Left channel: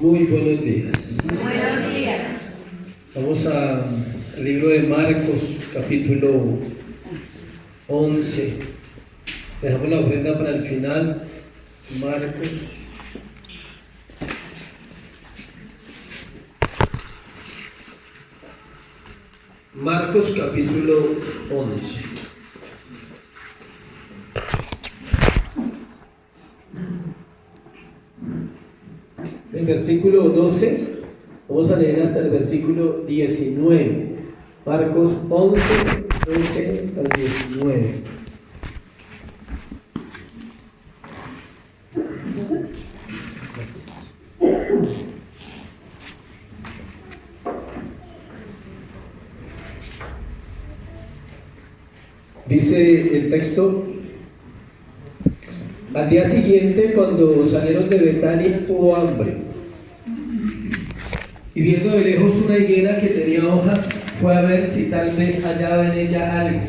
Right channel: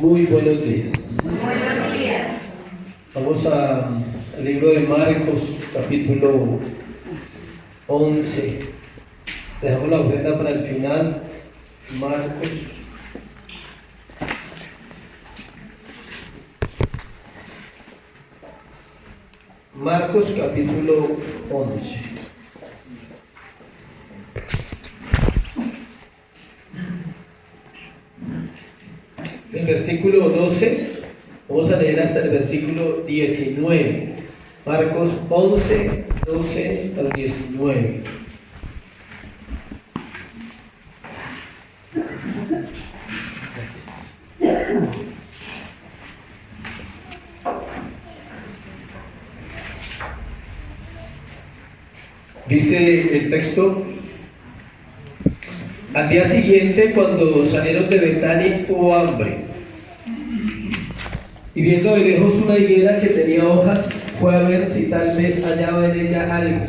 Muy buenos días. Buenos días. Vamos al libro de Marcos, capítulo 11. Dejamos la ofrenda para el final. Marcos capítulo 11. El versículo 12, vamos a leer hasta el versículo 19. Marcos 11, 12 al 19. Dice el texto: al día siguiente, cuando salieron de Betania, tuvo hambre. Y viendo de lejos una higuera que tenía hojas, fue a ver si tal vez hallaba en ella algo.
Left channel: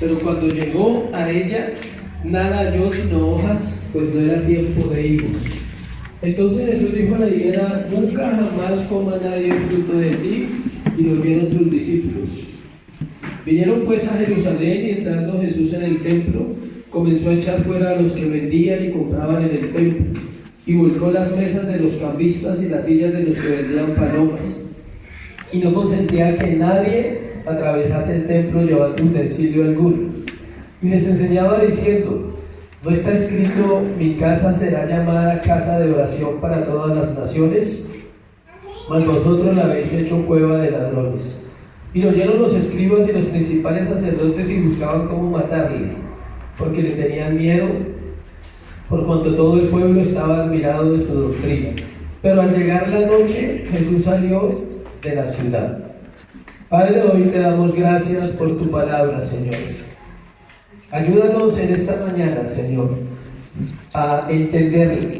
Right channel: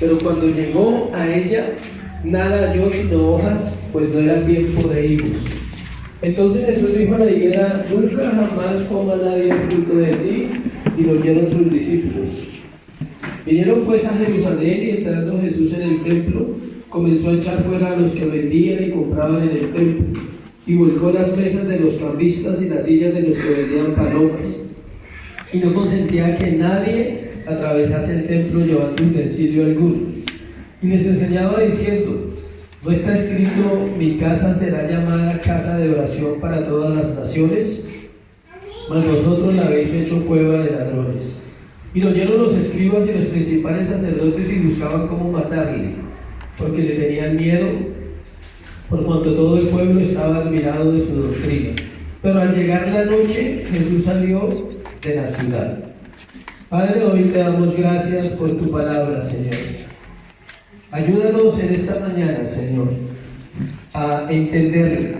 Pero cuando llegó a ella, nada halló sino hojas, pues no era el tiempo de higos. Entonces Jesús dijo a la higuera: nunca jamás coma nadie fruto de ti. Y lo oyeron sus discípulos. Vinieron pues a Jerusalén, y entrando Jesús en el templo, comenzó a echar fuera a los que vendían y compraban en el templo, y volcó las mesas de los cambistas y las sillas de los que vendían palomas, y no consentía que nadie atravesase el templo llevando utensilio alguno. Y les enseñaba diciendo: ¿no está escrito, mi casa será llamada casa de oración para todas las naciones? Mas vosotros la habéis hecho cueva de ladrones. Y lo oyeron los escribas y los principales sacerdotes, y buscaban cómo matarle, porque le tenían miedo, por cuanto todo el pueblo estaba admirado de su doctrina. Pero al llegar la noche, Jesús salió de la ciudad. Padre, hoy te damos gracias por tu palabra, Señor. Ayúdanos en esta mañana, Señor, a entenderla.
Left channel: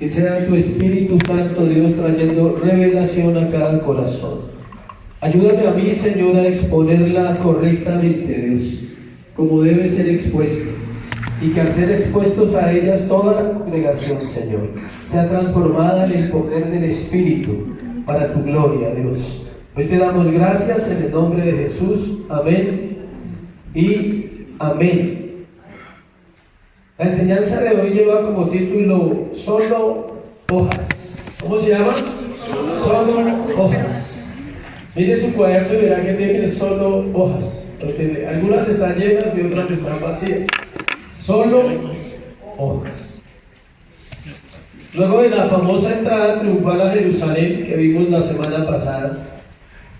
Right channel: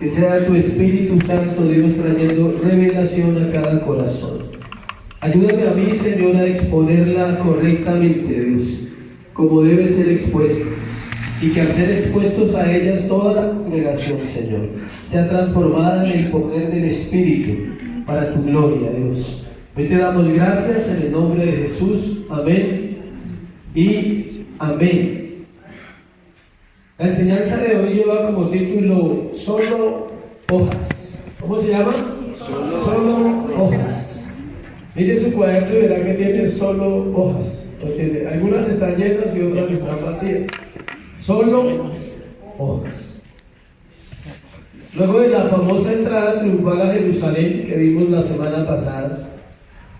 Que sea tu Espíritu Santo, Dios, trayendo revelación a cada corazón. Ayúdame a mí, Señor, a exponerla correctamente, Dios, como debe ser expuesta, y que al ser expuestos a ellas toda la congregación, Señor, sea transformada en el poder del Espíritu para tu gloria, Dios. Hoy te damos gracias en el nombre de Jesús. Amén y amén. La enseñanza de hoy lleva como título Solo hojas. ¿Cómo se llama? Solo hojas. Mire su cuaderno y verá que tiene solo hojas. Algunas están llenas y otras están vacías. Solo hojas. Luego de la famosa entrada triunfal a Jerusalén que vimos la semana pasada,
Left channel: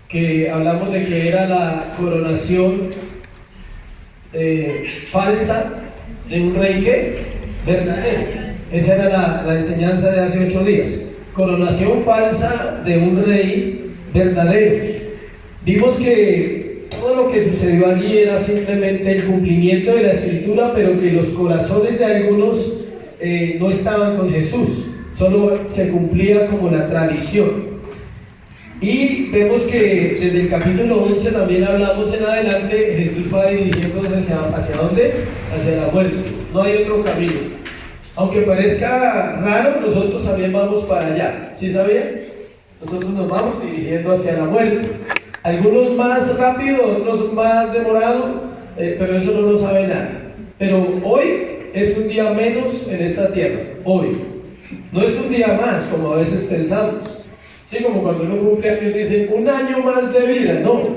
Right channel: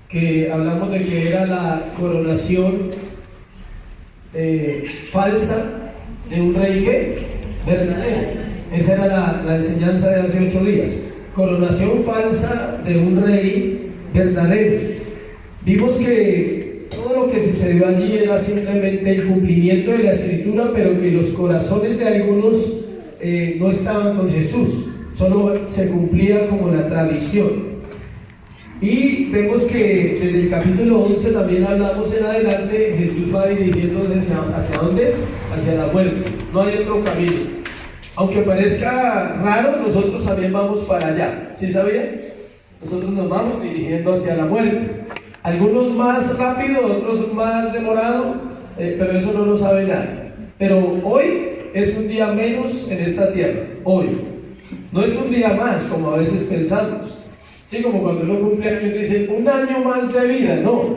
que hablamos de que era la coronación falsa de un rey que verdadero. Esa era la enseñanza de hace 8 días. Coronación falsa de un rey verdadero. Vimos que todo lo que sucedió allí era simplemente el cumplimiento de la Escritura, pero que los corazones de algunos no estaban con Jesús, solo se cumplía como la tradición. Y vemos que en el capítulo 11 también hablamos en adelante, Jesús va dirigiéndose hacia ¿dónde? Hacia la muerte. No hay otro camino. Aunque parezca raro, nosotros también vamos para allá. ¿Sí sabían? Nosotros nos vamos dirigiendo hacia la muerte. Algunos más rápido, otros más demorado, pero eso no lo sabe nadie. Pero hoy es un día menos en esta tierra. Hoy. No es un día más, como a veces pensamos. Sí, como cuando uno cumple años dice, un año más de vida. No.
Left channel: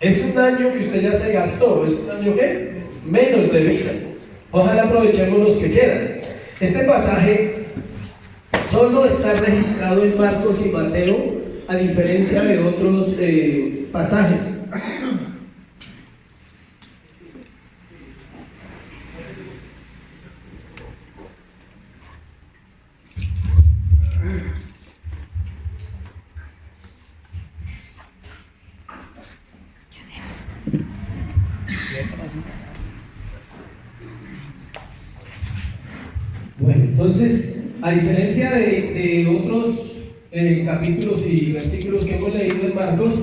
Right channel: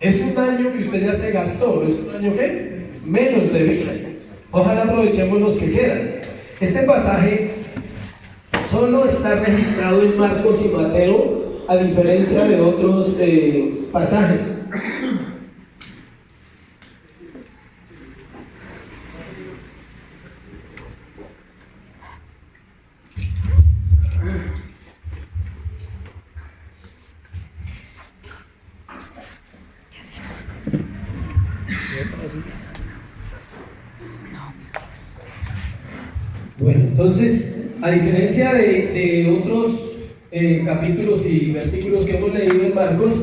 Es un año que usted ya se gastó. ¿Es un año qué? Menos de vida. Ojalá aprovechemos los que quedan. Este pasaje solo está registrado en Marcos y Mateo, a diferencia de otros pasajes. Bueno, entonces, a diferencia de otros capítulos y versículos que hemos leído en Marcos,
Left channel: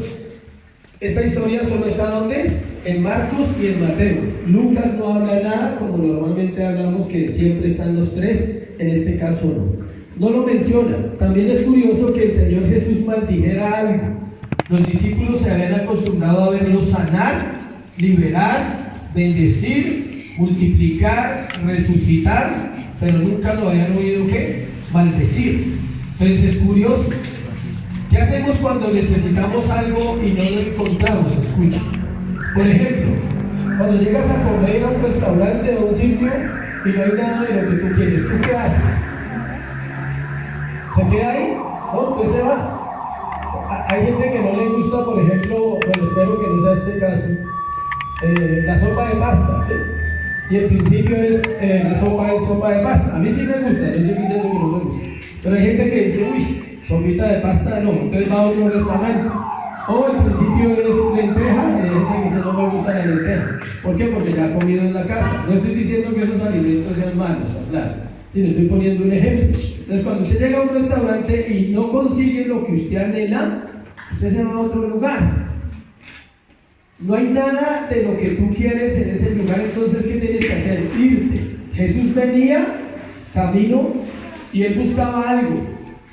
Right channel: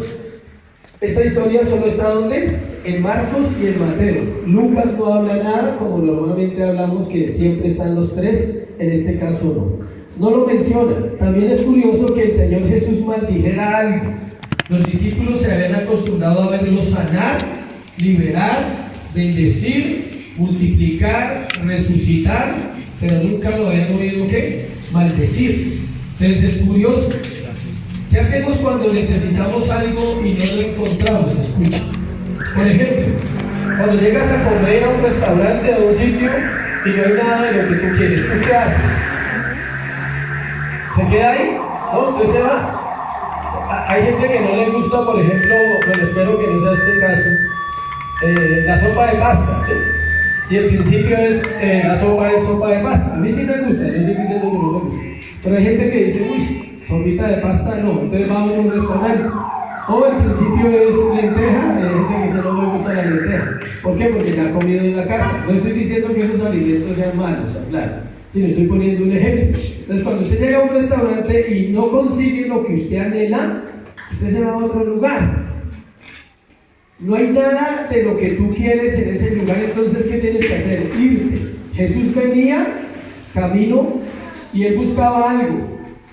esta historia solo está ¿dónde? En Marcos y en Mateo. Lucas no habla nada, como normalmente hablamos, que siempre están los tres, en este caso no. no lo menciona. También es curioso que el Señor Jesús maldijera algo. Los discípulos se habían acostumbrado a verlo sanar, liberar, bendecir, multiplicar, resucitar, pero nunca lo habían oído ¿qué? Maldecir. Entonces es curioso. ¿Qué hacemos cuando necesitamos algo y no lo encontramos? Escucha. Por ejemplo, cuando llegas a comer a un restaurante o a un sitio y no hay nada de lo que tú quieres, ¿tú qué haces? ¿Se queda ahí? No, usted se va. Hay gente que no le gusta, por ejemplo, bueno, espero que no sea este caso, la sopa de pasta, ¿sí? Y el principio es, la sopa es sopa de pasta. A mí sí me gusta, yo estoy diciendo que no me gusta. Pero hay gente que dice, uy, sopita de pasta, no, usted va a otro restaurante. O el principio es lenteja, hay gente que dice, no me gusta la lenteja. ¿Por qué? Porque ya ha comido en la casa. No estoy diciendo que esos alimentos sean malos, claro, sino estoy poniendo un ejemplo. Entonces, cuando usted llega a un restaurante y no consigue lo que usted anhela, usted se va a otro lugar. No hay nada de lo que tú quieres en ese lugar, entonces ¿qué tienes que hacer? Irte. Jesús venía, camino, y él buscaba algo.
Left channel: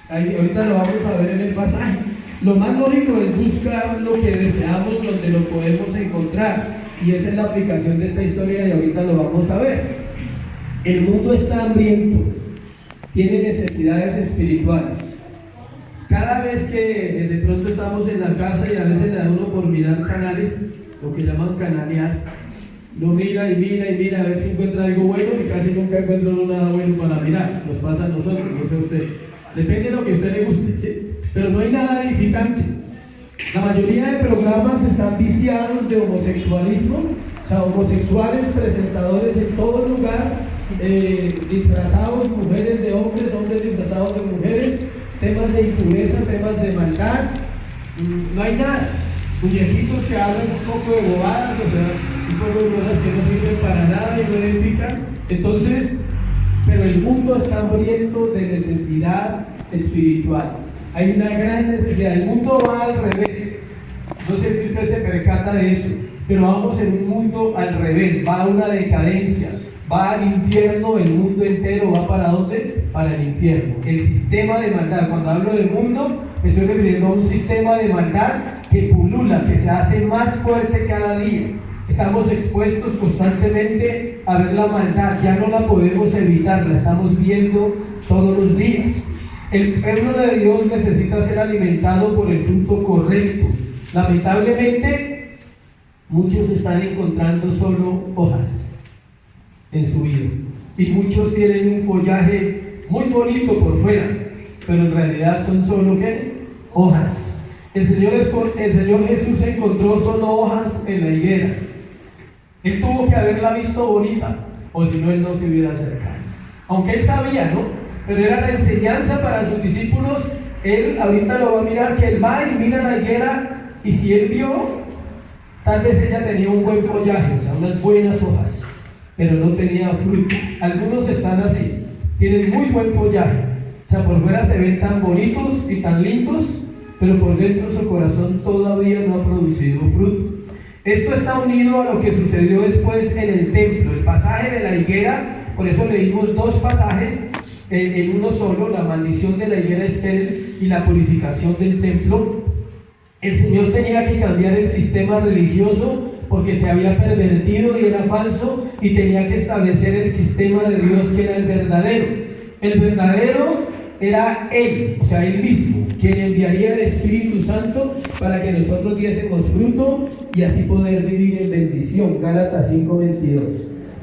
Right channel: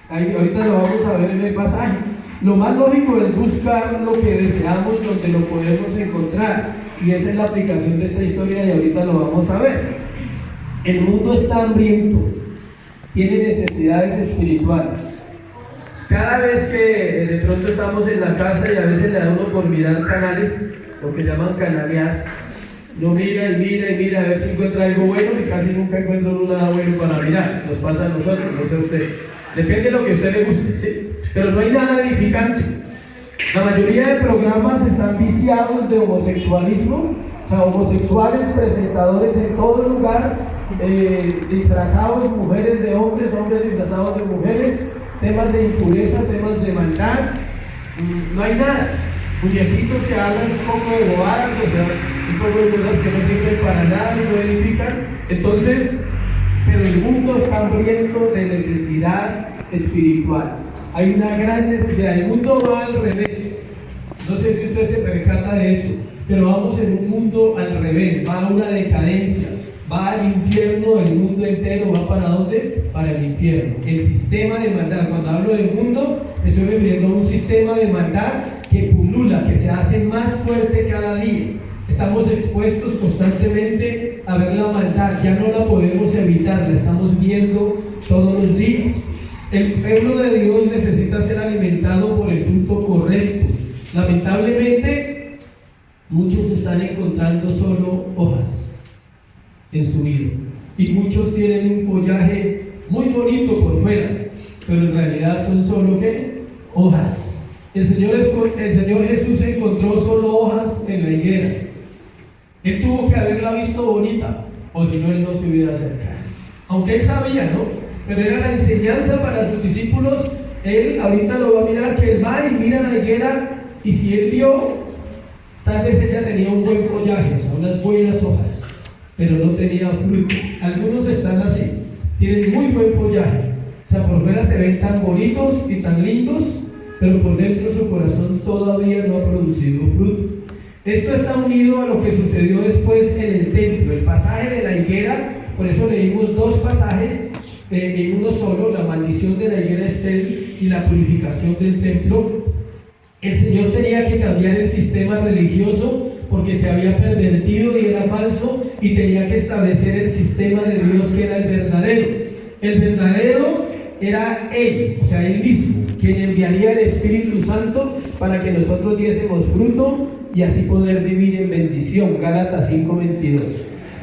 Ahorita lo vamos a ver en el pasaje. Lo más lógico es buscar lo que deseamos donde lo podemos encontrar, y esa es la aplicación de esta historia y ahorita lo vamos a ver. El mundo está hambriento, tiene necesidades espirituales. Cada vez que de pronto estamos en la casa y a veces le da uno por mirar canales, lo que llaman canalear, uno mira y mira y mira a ver si encuentra algo bueno y casi nunca encuentra uno nada bueno para mirar. Nos pasa a nosotros, no sé usted. Depende de lo que a usted le guste, ¿sí? Pero no hay nada edificante. La mayoría de programas están viciados de homosexualismo, o sea, homosexuales presentadores en todo lugar, disfrazados, mujeres de hombres, hombres disfrazados de mujeres, temas de impureza, temas de maldad, no hay nada. Muñequitos que hablan un poco de bobadas, o sea, un poco de cosas que no sirven para nada y no edifican. Entonces, pero el mundo está hambriento de necesidad espiritual. Hay una gran necesidad. El mundo va al revés. No sé si usted se percata de eso, pero vamos en un mundo al revés. Va a una decadencia, va al infierno. El mundo entero va ¿para dónde? Para el infierno. El sistema de maldad. Cuando hablo del mundo, me estoy refiriendo a un sistema de maldad que pulula, que se hace más fuerte cada día. Estamos expuestos constantemente a ver la maldad, ya no la podemos evitar, la estamos viendo todos los días. El pueblo de Dios necesita ser alimentado por el fruto correcto. Lamentablemente, muchos están encontrando solo hojas en su vida, y muchos tienen un follaje muy bonito por fuera, pero en realidad son solo ¿qué? Hojas. El Señor Jesús encontró solo hojas en la higuera. Él tuvo que haberla visto bonita, o si no, él no se hubiera acercado. Aunque él sabía, ¿no? Pero era la enseñanza para sus discípulos. Él ahorita lo va a mirar, que él va y mira la higuera, y si él vio, tal vez ella tenía un buen follaje, o sea, unas buenas hojas, pero no tenía fruto. Algunos están así, tienen muy buen follaje, o sea, por fuera se ven tan bonitos y tan lindos, pero por dentro su corazón todavía no ha producido fruto. Esto está unido a lo que sucedió después en el templo, el pasaje de la higuera. Por eso leímos dos pasajes en uno solo, la maldición de la higuera estéril y la purificación del templo. El Señor tenía que cambiar el sistema religioso porque se había pervertido y era falso, y tenía que establecer el sistema de Dios, que era el verdadero. El verdadero era Él, o sea, Él mismo, quien enviaría el Espíritu Santo para que nosotros diésemos fruto y así poder vivir en bendición. Gálatas 5:22.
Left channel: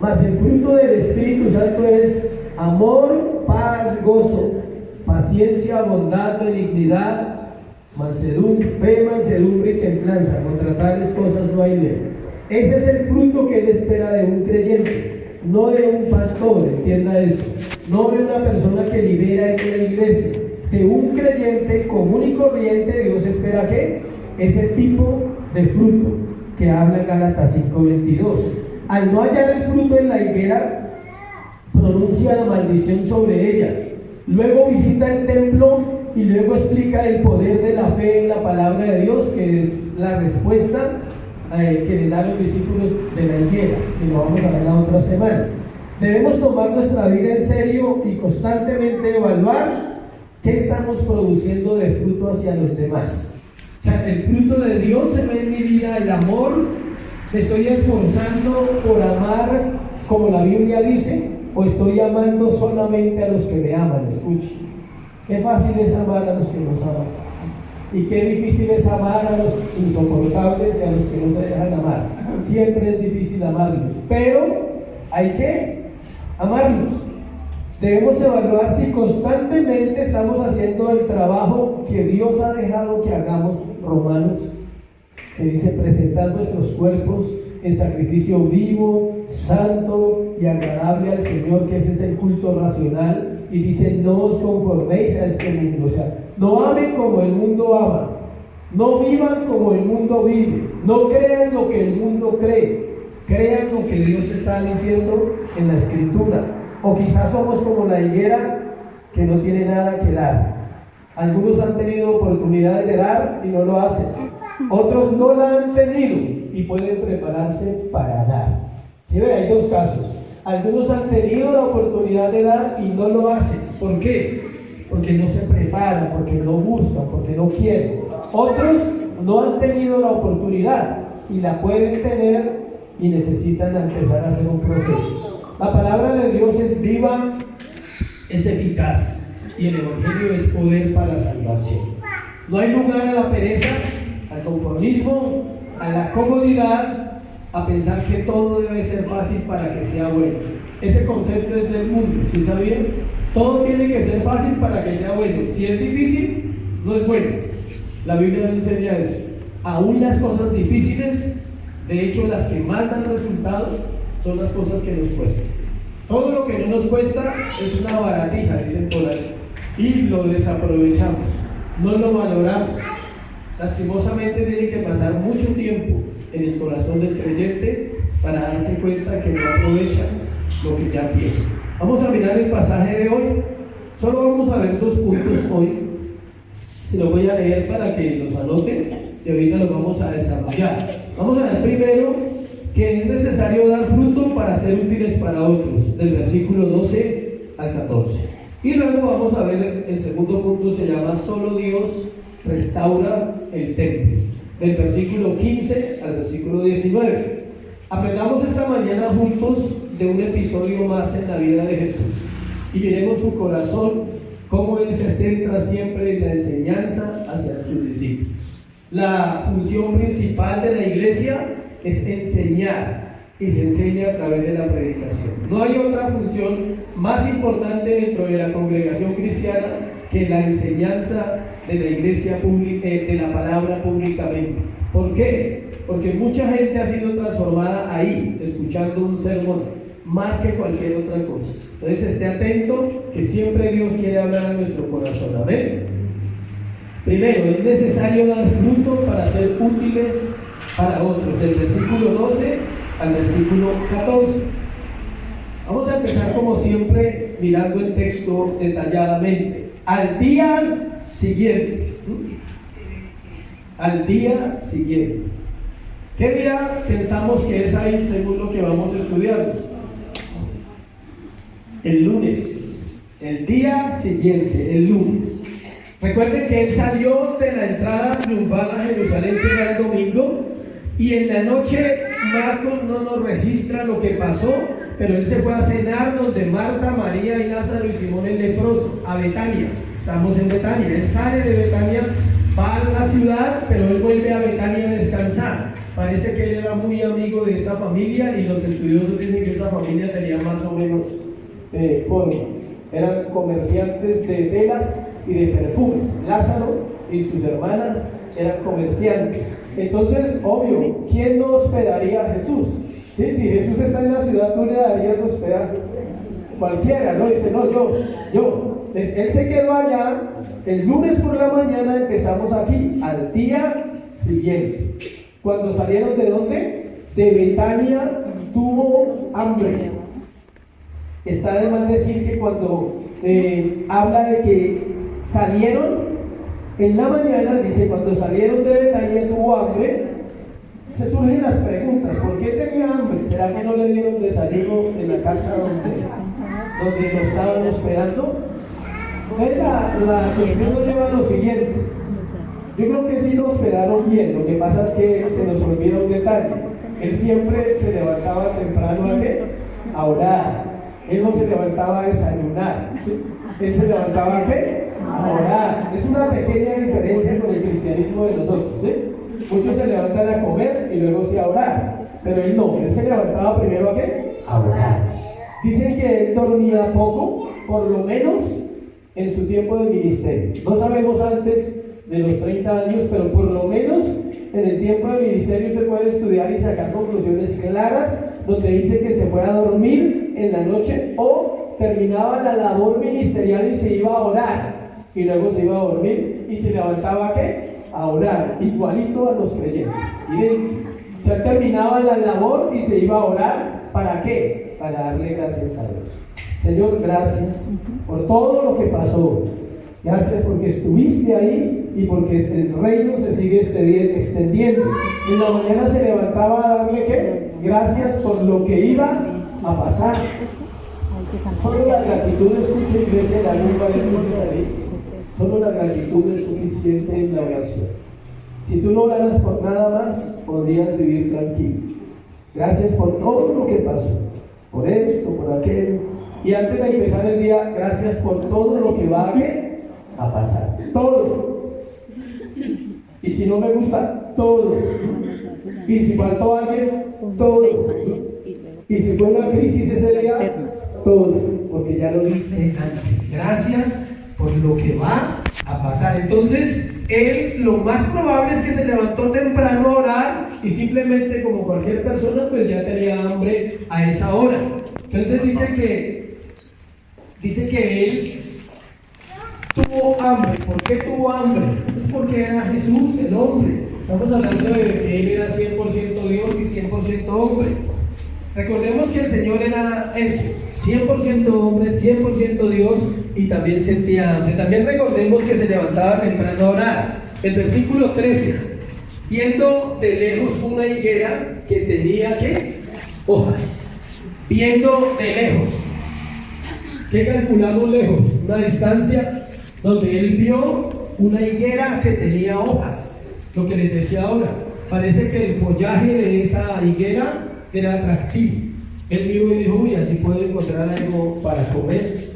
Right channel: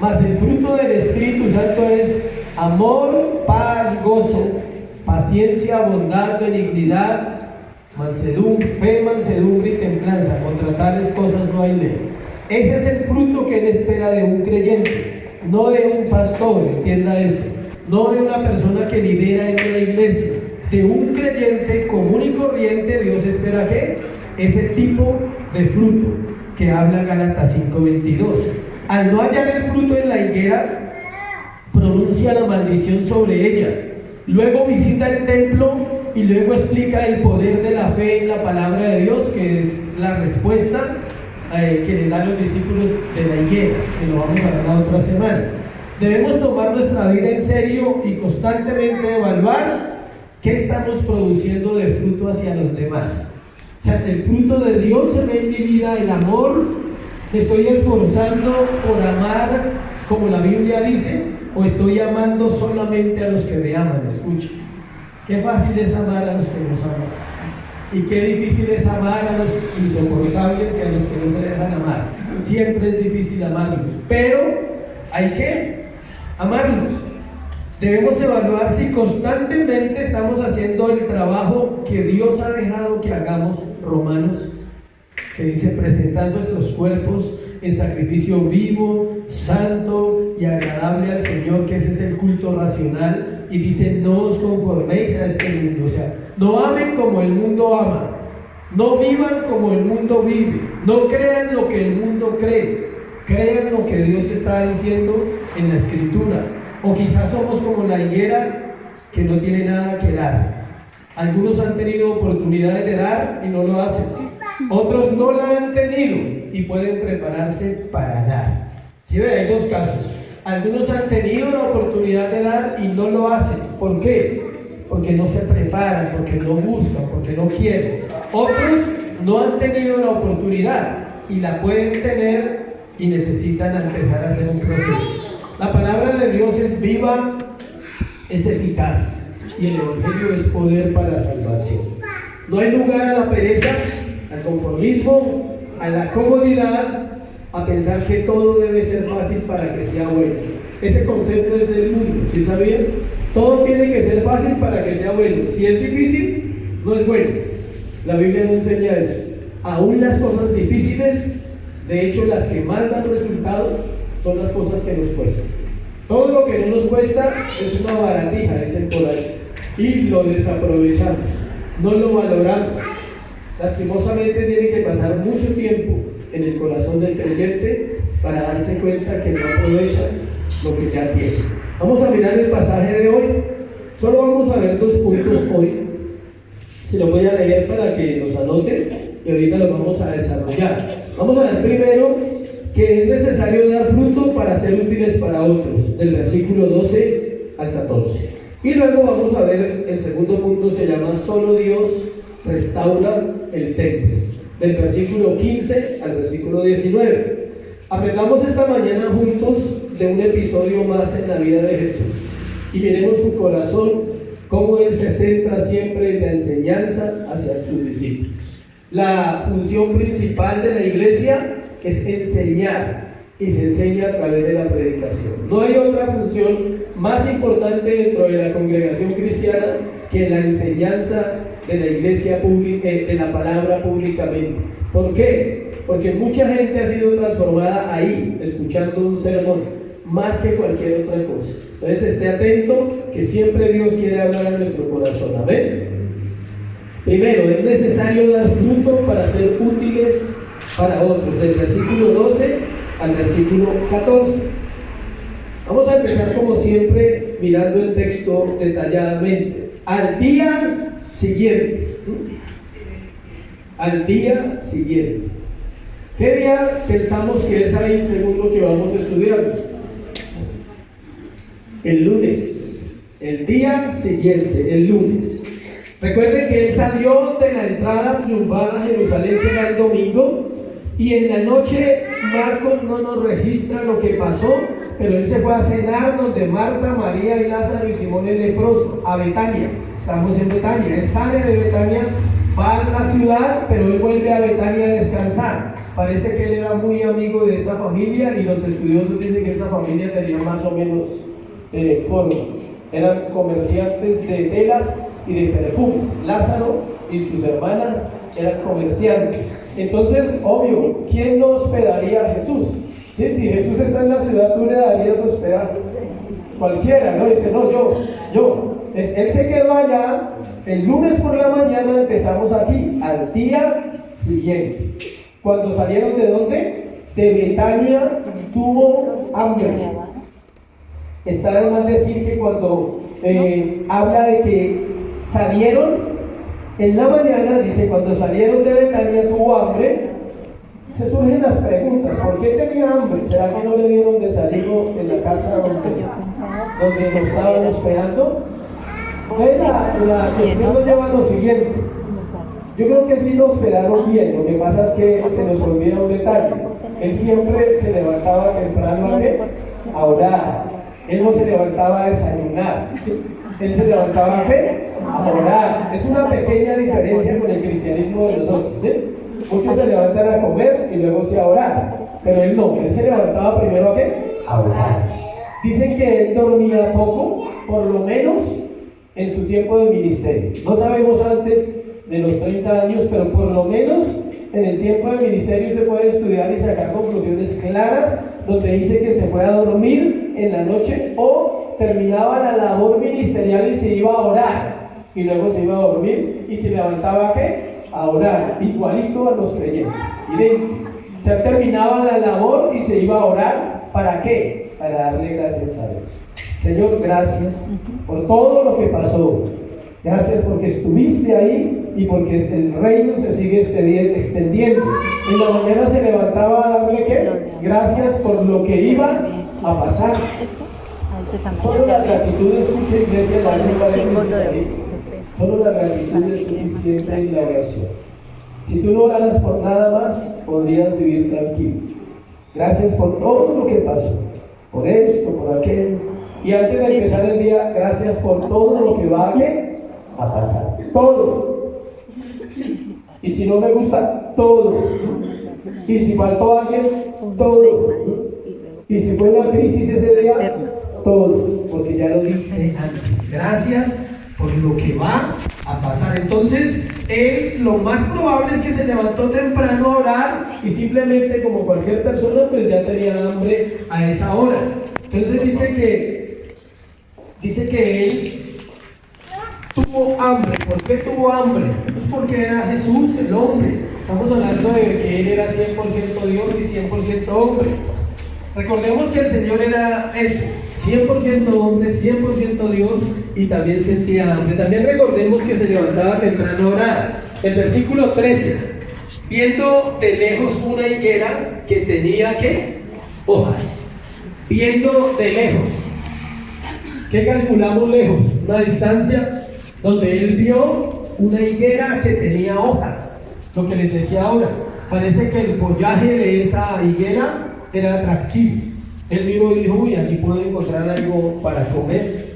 Mas el fruto del Espíritu Santo es amor, paz, gozo, paciencia, bondad, benignidad, mansedumbre, fe, mansedumbre y templanza. Contra tales cosas no hay ley. Ese es el fruto que Él espera de un creyente, no de un pastor, entienda esto, no de una persona que lidera en la iglesia. De un creyente común y corriente, Dios espera que ese tipo de fruto que habla Gálatas 5:22. Al no hallar el fruto en la higuera, pronuncia la maldición sobre ella. Luego visita el templo y luego explica el poder de la fe en la palabra de Dios, que es la respuesta que le dan los discípulos de la higuera, que lo vamos a ver la otra semana. Debemos tomar nuestra vida en serio y constantemente evaluar ¿Qué estamos produciendo de fruto hacia los demás? O sea, el fruto de Dios se ve en mi vida, el amor. ¿Me estoy esforzando por amar como la Biblia dice? ¿O estoy amando solamente a los que me aman? Escuche, qué fácil es amar a los que nos aman, y qué difícil es amar a los insoportables, que a los que no se dejan amar. Siempre es difícil amarlos, pero hay que amarlos. Debemos evaluar si constantemente estamos haciendo el trabajo que Dios ha dejado que hagamos. Romanos, que dice: presentando nuestros cuerpos en sacrificio vivo, santo y agradable al Señor, que ese es el culto racional. Y dice: no os conforméis a este mundo. O sea, no amen como el mundo ama, no vivan como el mundo vive, no crean lo que el mundo cree, crean lo que Dios está diciendo en la Escritura. O quizás somos como la higuera que no tiene nada que dar. Algunos han tenido oportunidades de dar y no lo hacen, otros no la han tenido y pueden prepararse para dar. ¿Sí ve? Hay dos casos. Algunos han tenido la oportunidad de dar y no lo hacen. ¿Por qué? Porque no se preparan, porque no buscan, porque no quieren. Otros no han tenido la oportunidad y la pueden tener y necesitan empezar a hacer un proceso. La palabra de Dios es viva, es eficaz, y el evangelio es poder para la salvación. No hay lugar a la pereza, al conformismo, a la comodidad, a pensar que todo debe ser fácil para que sea bueno. Ese concepto es del mundo, ¿sí sabían? Todo tiene que ser fácil para que sea bueno. Si es difícil, no es bueno. La Biblia no enseña eso. Aún las cosas difíciles, de hecho las que más dan resultado, son las cosas que nos cuestan. Todo lo que no nos cuesta es una baratija, dicen por ahí, y lo desaprovechamos, no lo valoramos. Lastimosamente tiene que pasar mucho tiempo en el corazón del creyente para darse cuenta que no aprovecha lo que ya tiene. Vamos a mirar el pasaje de hoy. Solo vamos a ver 2 puntos hoy. Se los voy a leer para que los anoten y ahorita los vamos a desarrollar. Vamos a ver primero que es necesario dar fruto para ser útiles para otros, del versículo 12 al 14. Y luego vamos a ver el segundo punto, se llama solo Dios restaura el templo, del versículo 15 al versículo 19. Aprendamos esta mañana juntos de un episodio más en la vida de Jesús y miremos su corazón, cómo Él se centra siempre en la enseñanza hacia sus discípulos. La función principal de la iglesia es enseñar, y se enseña a través de la predicación. No hay otra función más importante dentro de la congregación cristiana que la enseñanza de la iglesia pública, de la palabra públicamente. ¿Por qué? Porque mucha gente ha sido transformada ahí, escuchando un sermón, más que cualquier otra cosa. Entonces esté atento, que siempre Dios quiere hablar a nuestro corazón. Amén. Primero, es necesario dar fruto para ser útiles para otros, del versículo 12 al versículo 14. Vamos a empezar como siempre mirando el texto detalladamente. Al día siguiente. Al día siguiente. ¿Qué día pensamos que es ahí según lo que vamos estudiando? El lunes. El día siguiente, el lunes. Recuerden que Él salió de la entrada triunfal a Jerusalén, que era el domingo, y en la noche Marcos no nos registra lo que pasó, pero Él se fue a cenar donde Marta, María y Lázaro y Simón el leproso, a Betania. Estamos en Betania. Él sale de Betania, va a la ciudad, pero Él vuelve a Betania a descansar. Parece que Él era muy amigo de esta familia y los estudiosos dicen que esta familia tenía más o menos formas. Eran comerciantes de telas y de perfumes. Lázaro y sus hermanas eran comerciantes. Entonces, obvio, ¿quién no hospedaría a Jesús? ¿Sí? Si Jesús está en la ciudad, tú le darías hospedaje. Cualquiera, ¿no? Dice, no, yo. Él se quedó allá. El lunes por la mañana empezamos aquí, al día siguiente. Cuando salieron ¿de dónde? De Betania, tuvo hambre. Está además decir que cuando habla de que salieron en la mañana, dice, cuando salieron de Betania tuvo hambre. Se surgen las preguntas: ¿por qué tenía hambre? ¿Será que no le dieron desayuno en la casa donde lo estaban esperando? La cuestión nos lleva a lo siguiente. Yo creo que sí nos quedaron bien, lo que pasa es que se nos olvida un detalle. Él siempre se levantaba temprano a orar. Él no se levantaba a desayunar. Él se levantaba a orar. Es una pequeña diferencia con el cristianismo de nosotros. Muchos se levantan a comer y luego a orar. Pero él no, él se levantaba primero a orar. Dicen que él dormía poco, por lo menos en su tiempo de ministerio. No sabemos antes de los 30 años, pero por lo menos en el tiempo del ministerio usted puede estudiar y sacar conclusiones claras, donde dice que se fue a dormir en la noche o terminaba la labor ministerial y se iba a orar, y luego se iba a dormir y se levantaba a orar, igualito a los creyentes, idéntico. O sea, terminaba la labor y se iba a orar. ¿Para qué? Para darle gracias a Dios. Señor, gracias por todo lo que pasó. Gracias porque estuviste ahí y porque el reino se sigue extendiendo. En la mañana se levantaba a darle gracias por lo que iba a pasar. Solo la gratitud, escucha iglesia, la lengua de solo la gratitud es suficiente en la oración. Si tú no oraras por nada más, podrías vivir tranquilo. Gracias por todo lo que pasó, por esto, por aquello. Y antes de empezar el día, gracias por todo lo que va a pasar. Todo. Y si no me gusta, todo. Y si faltó alguien, todo. Y si fue una crisis ese día, todo. Porque ya lo diste antes. Gracias por lo que va a pasar. Entonces, él lo más probable es que se levantó temprano a orar y simplemente, como cualquier persona, pues ya tenía hambre a esa hora. Entonces dice que él tuvo hambre. ¿Por qué tuvo hambre? Es porque era Jesús, el hombre. Estamos hablando de que él era 100% Dios y 100% hombre. Recordemos que el Señor era eso, 100% hombre, 100% Dios, y también sentía hambre. También recordemos que se levantaba temprano a orar. El versículo 13, viendo de lejos una higuera que tenía hojas. Viendo de lejos. ¿Qué calculamos lejos? Una distancia donde él vio una higuera que tenía hojas. Lo que les decía ahora, parece que el follaje de esa higuera era atractivo. Él miró y dijo: uy, allí puedo encontrar algo para comer.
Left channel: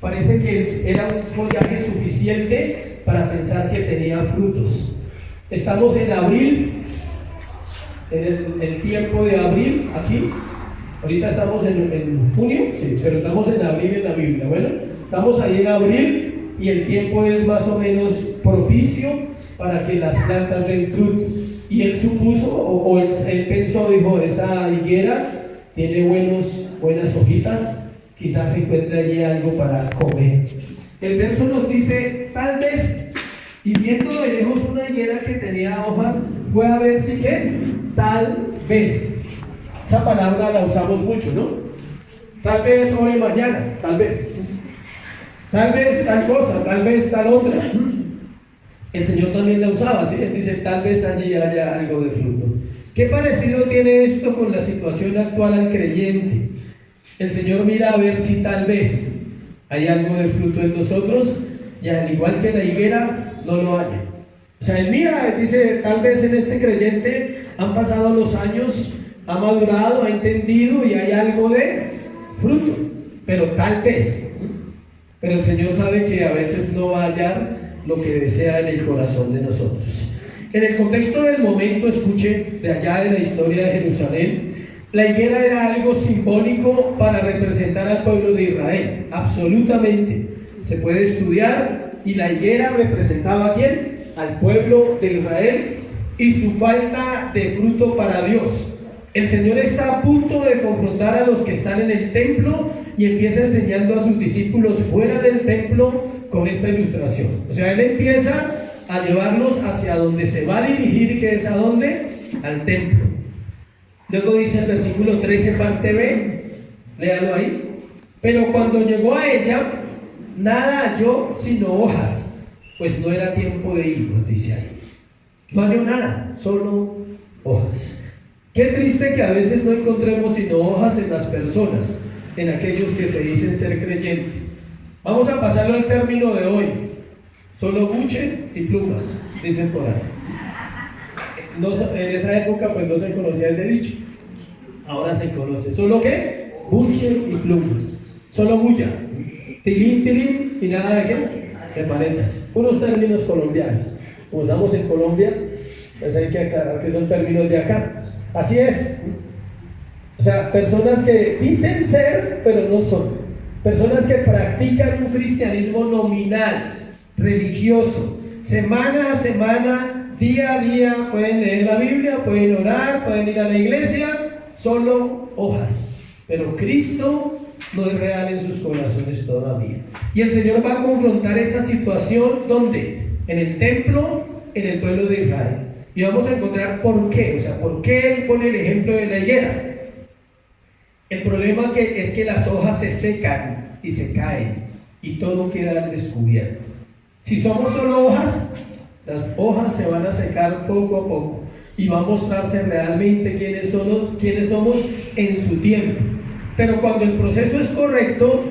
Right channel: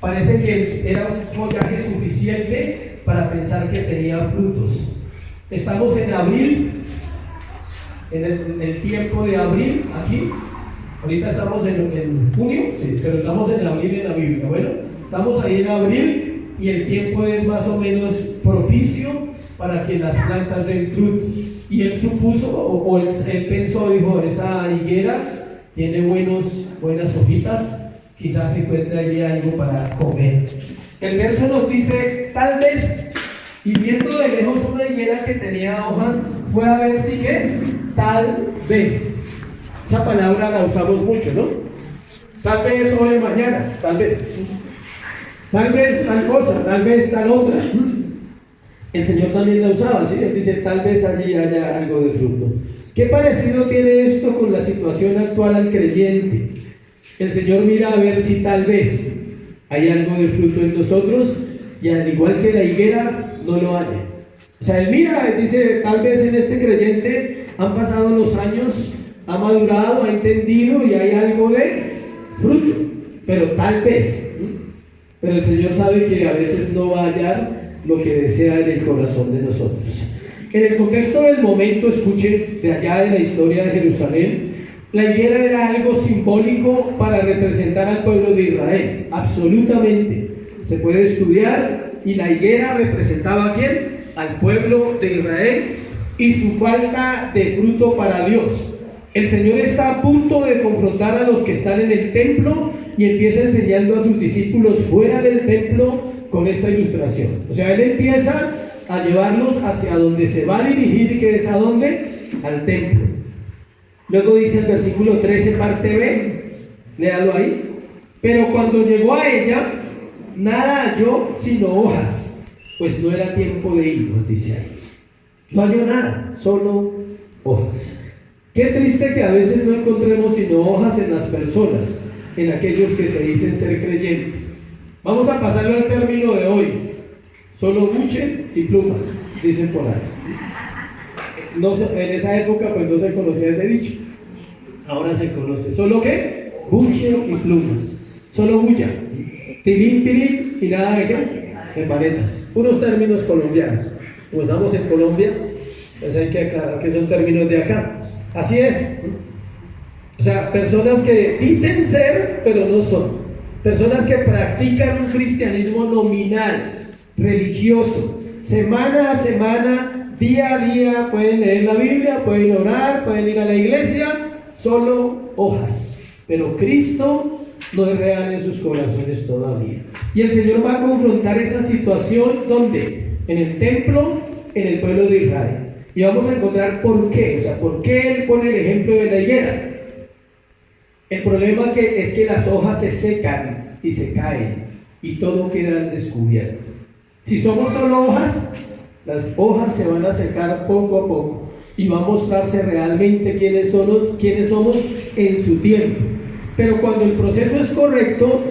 Parece que era un follaje suficiente para pensar que tenía frutos. Estamos en abril, en el tiempo de abril aquí. Ahorita estamos en junio, sí, pero estamos en abril en la Biblia. Bueno, estamos ahí en abril y el tiempo es más o menos propicio para que las plantas den fruto. Y él supuso, él pensó, dijo: esa higuera tiene buenas hojitas, quizás se encuentre allí algo para comer. El verso nos dice: tal vez, y viendo de lejos una higuera que tenía hojas, fue a ver si tal vez. Esa palabra la usamos mucho, ¿no? Tal vez hoy, mañana, tal vez tal cosa, tal vez tal otra. El Señor también la usaba, ¿sí? Él dice: tal vez allí haya algo de fruto. ¿Qué parecido tiene esto con la situación actual al creyente? El Señor mira a ver si tal vez hay algo de fruto en nosotros, y al igual que la higuera, no lo haya. O sea, Él mira, dice: tal vez en este creyente han pasado los años, ha madurado, ha entendido y hay algo de fruto, pero tal vez. Pero el Señor sabe que a veces no va a hallar lo que desea en el corazón de nosotros. En el contexto del momento, escuche, de allá de la historia de Jerusalén, la higuera era algo simbólico para representar al pueblo de Israel, absolutamente. Se puede estudiar, y la higuera representaba ¿a quién? Al pueblo de Israel y su falta de fruto para Dios. El Señor está a punto de confrontar a los que están en el templo y empieza enseñando a sus discípulos fuera del templo con esta ilustración. O sea, Él empieza a llevarlos hacia donde se va a dirigir, que es ¿a dónde? Al templo. Luego dice el versículo 13, parte B, léalo ahí. Pero cuando llegó a ella, nada halló sino hojas, pues no era tiempo de higos, dice ahí. No halló nada, solo hojas. Qué triste que a veces no encontremos sino hojas en las personas, en aquellos que se dicen ser creyentes. Vamos a pasarlo al término de hoy. Solo buche y plumas, dicen por ahí. En esa época pues no se conocía ese dicho. Ahora se conoce. ¿Solo qué? Buche y plumas. Solo bulla. Tilín, tilín y nada de qué? De paletas. Unos términos colombianos. Como estamos en Colombia, pues hay que aclarar que son términos de acá. Así es. O sea, personas que dicen ser, pero no son. Personas que practican un cristianismo nominal, religioso. Semana a semana, día a día, pueden leer la Biblia, pueden orar, pueden ir a la iglesia. Solo hojas. Pero Cristo no es real en sus corazones todavía. Y el Señor va a confrontar esa situación ¿dónde? En el templo, en el pueblo de Israel. Y vamos a encontrar por qué. O sea, por qué Él pone el ejemplo de la higuera. El problema es que las hojas se secan y se caen y todo queda al descubierto. Si somos solo hojas, las hojas se van a secar poco a poco y va a mostrarse realmente quiénes somos en su tiempo. Pero cuando el proceso es correcto,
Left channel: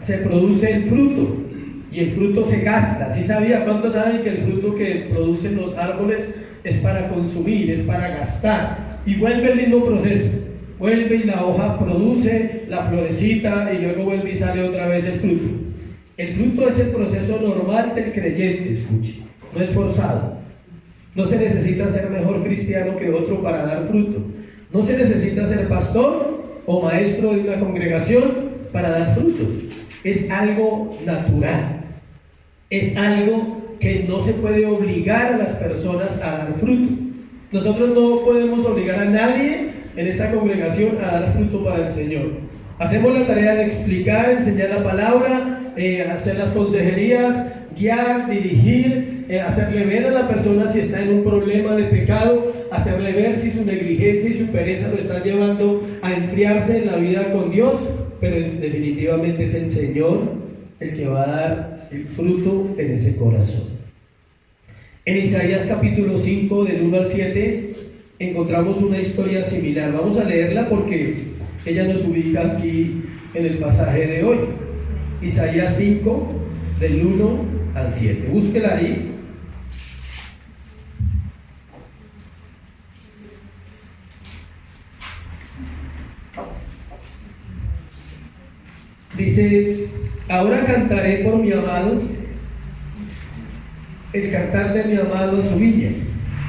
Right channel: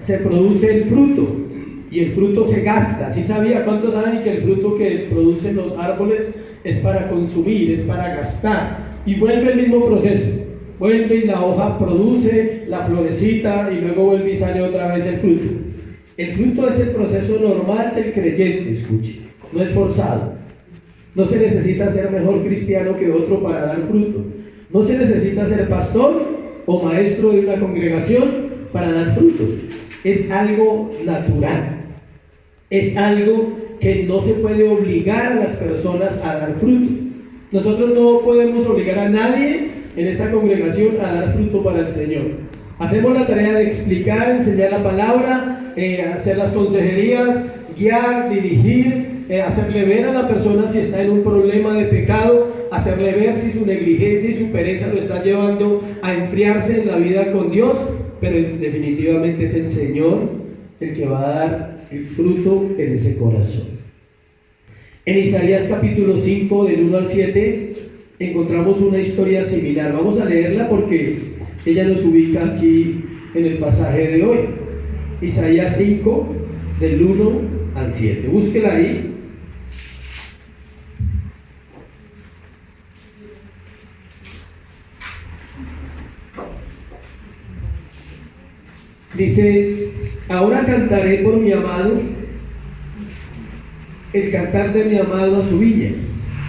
se produce el fruto y el fruto se gasta. ¿Sí sabía? ¿Cuántos saben que el fruto que producen los árboles es para consumir, es para gastar? Y vuelve el mismo proceso. Vuelve y la hoja produce la florecita y luego vuelve y sale otra vez el fruto. El fruto es el proceso normal del creyente, escuche, no es forzado. No se necesita ser mejor cristiano que otro para dar fruto. No se necesita ser pastor o maestro de una congregación para dar fruto. Es algo natural. Es algo que no se puede obligar a las personas a dar fruto. Nosotros no podemos obligar a nadie en esta congregación a dar fruto para el Señor. Hacemos la tarea de explicar, enseñar la palabra, hacer las consejerías, guiar, dirigir, hacerle ver a la persona si está en un problema de pecado, hacerle ver si su negligencia y su pereza lo están llevando a enfriarse en la vida con Dios, pero definitivamente es el Señor el que va a dar el fruto en ese corazón. En Isaías capítulo 5 del 1 al 7 encontramos una historia similar. Vamos a leerla porque ella nos ubica aquí en el pasaje de hoy. Isaías 5 del 1 al 7. Búsquela ahí. Dice: ahora cantaré por mi amado, el cantar de mi amado a su viña.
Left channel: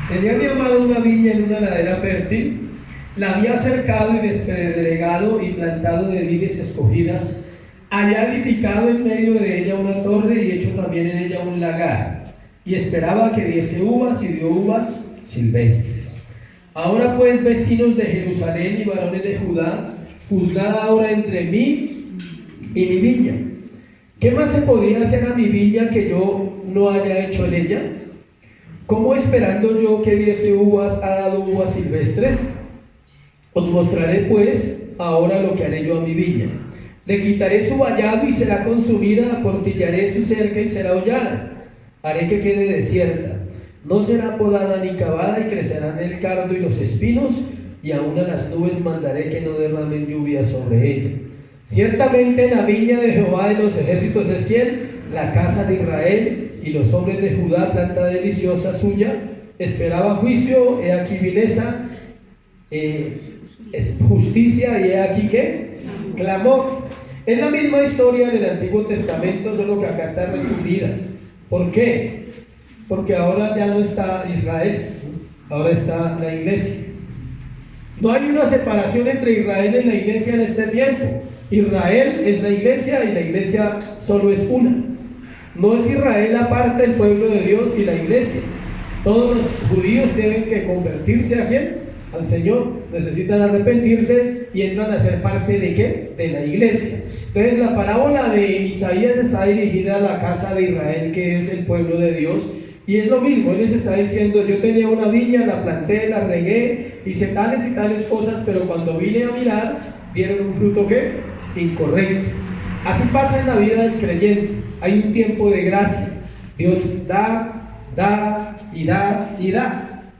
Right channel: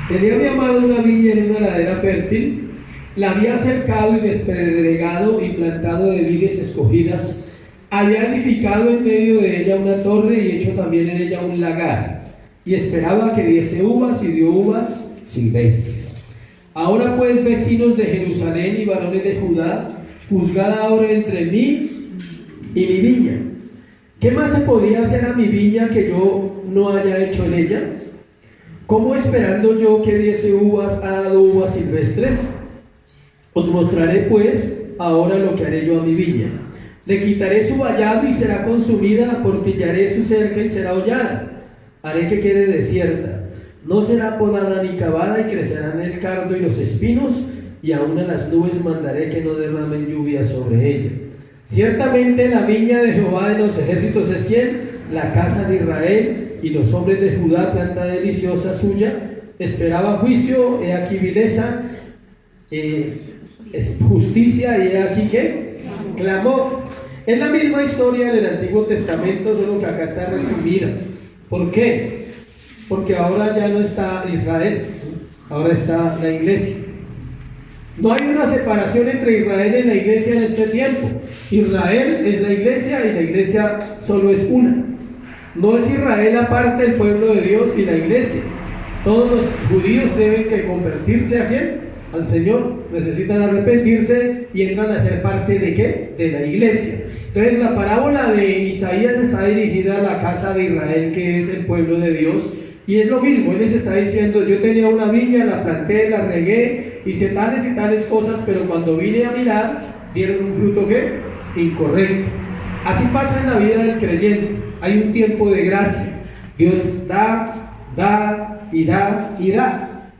Tenía mi amado una viña en una ladera fértil, la había cercado y despedregado y plantado de vides escogidas, había edificado en medio de ella una torre y hecho también en ella un lagar, y esperaba que diese uvas y dio uvas silvestres. Ahora pues, vecinos de Jerusalén y varones de Judá, juzgad ahora entre mí y mi viña. ¿Qué más se podría hacer a mi viña que yo no haya hecho en ella? ¿Cómo esperando yo que diese uvas ha dado uvas silvestres? Os mostraré pues ahora lo que haré yo a mi viña. Le quitaré su vallado y será consumida, aportillaré su cerca y será hollada. Haré que quede desierta. No será podada ni cavada y crecerán el cardo y los espinos, y aún a las nubes mandaré que no derramen lluvia sobre ella. Ciertamente la viña de Jehová de los ejércitos es ¿quién? La casa de Israel, y los hombres de Judá, planta deliciosa suya. Esperaba juicio, he aquí vileza, es justicia, y he aquí ¿qué? Clamor. Es la misma historia del Antiguo Testamento, solo que acá está resumida. ¿Por qué? Porque ahora ya no está Israel, ahora está la iglesia. No hay una separación entre Israel y la iglesia en este tiempo. Israel es la iglesia y la iglesia solo es una. No es Israel aparte del pueblo de Dios y la iglesia. Todos los judíos tienen que convertirse ¿a quién? Al Señor. Necesitan arrepentirse y entran a ser parte ¿de qué? De la iglesia. Entonces la parábola de Isaías está dirigida a la casa de Israel, que es el pueblo de Dios. Y es lo mismo, él les está diciendo: yo tenía una viña, la planté, la regué, hice tales y tales cosas, pero cuando vine a mirar, dieron un fruto ¿qué? Incorrecto. Así pasa en la vida del creyente. Hay un tiempo de gracia. Dios da, da y da y da.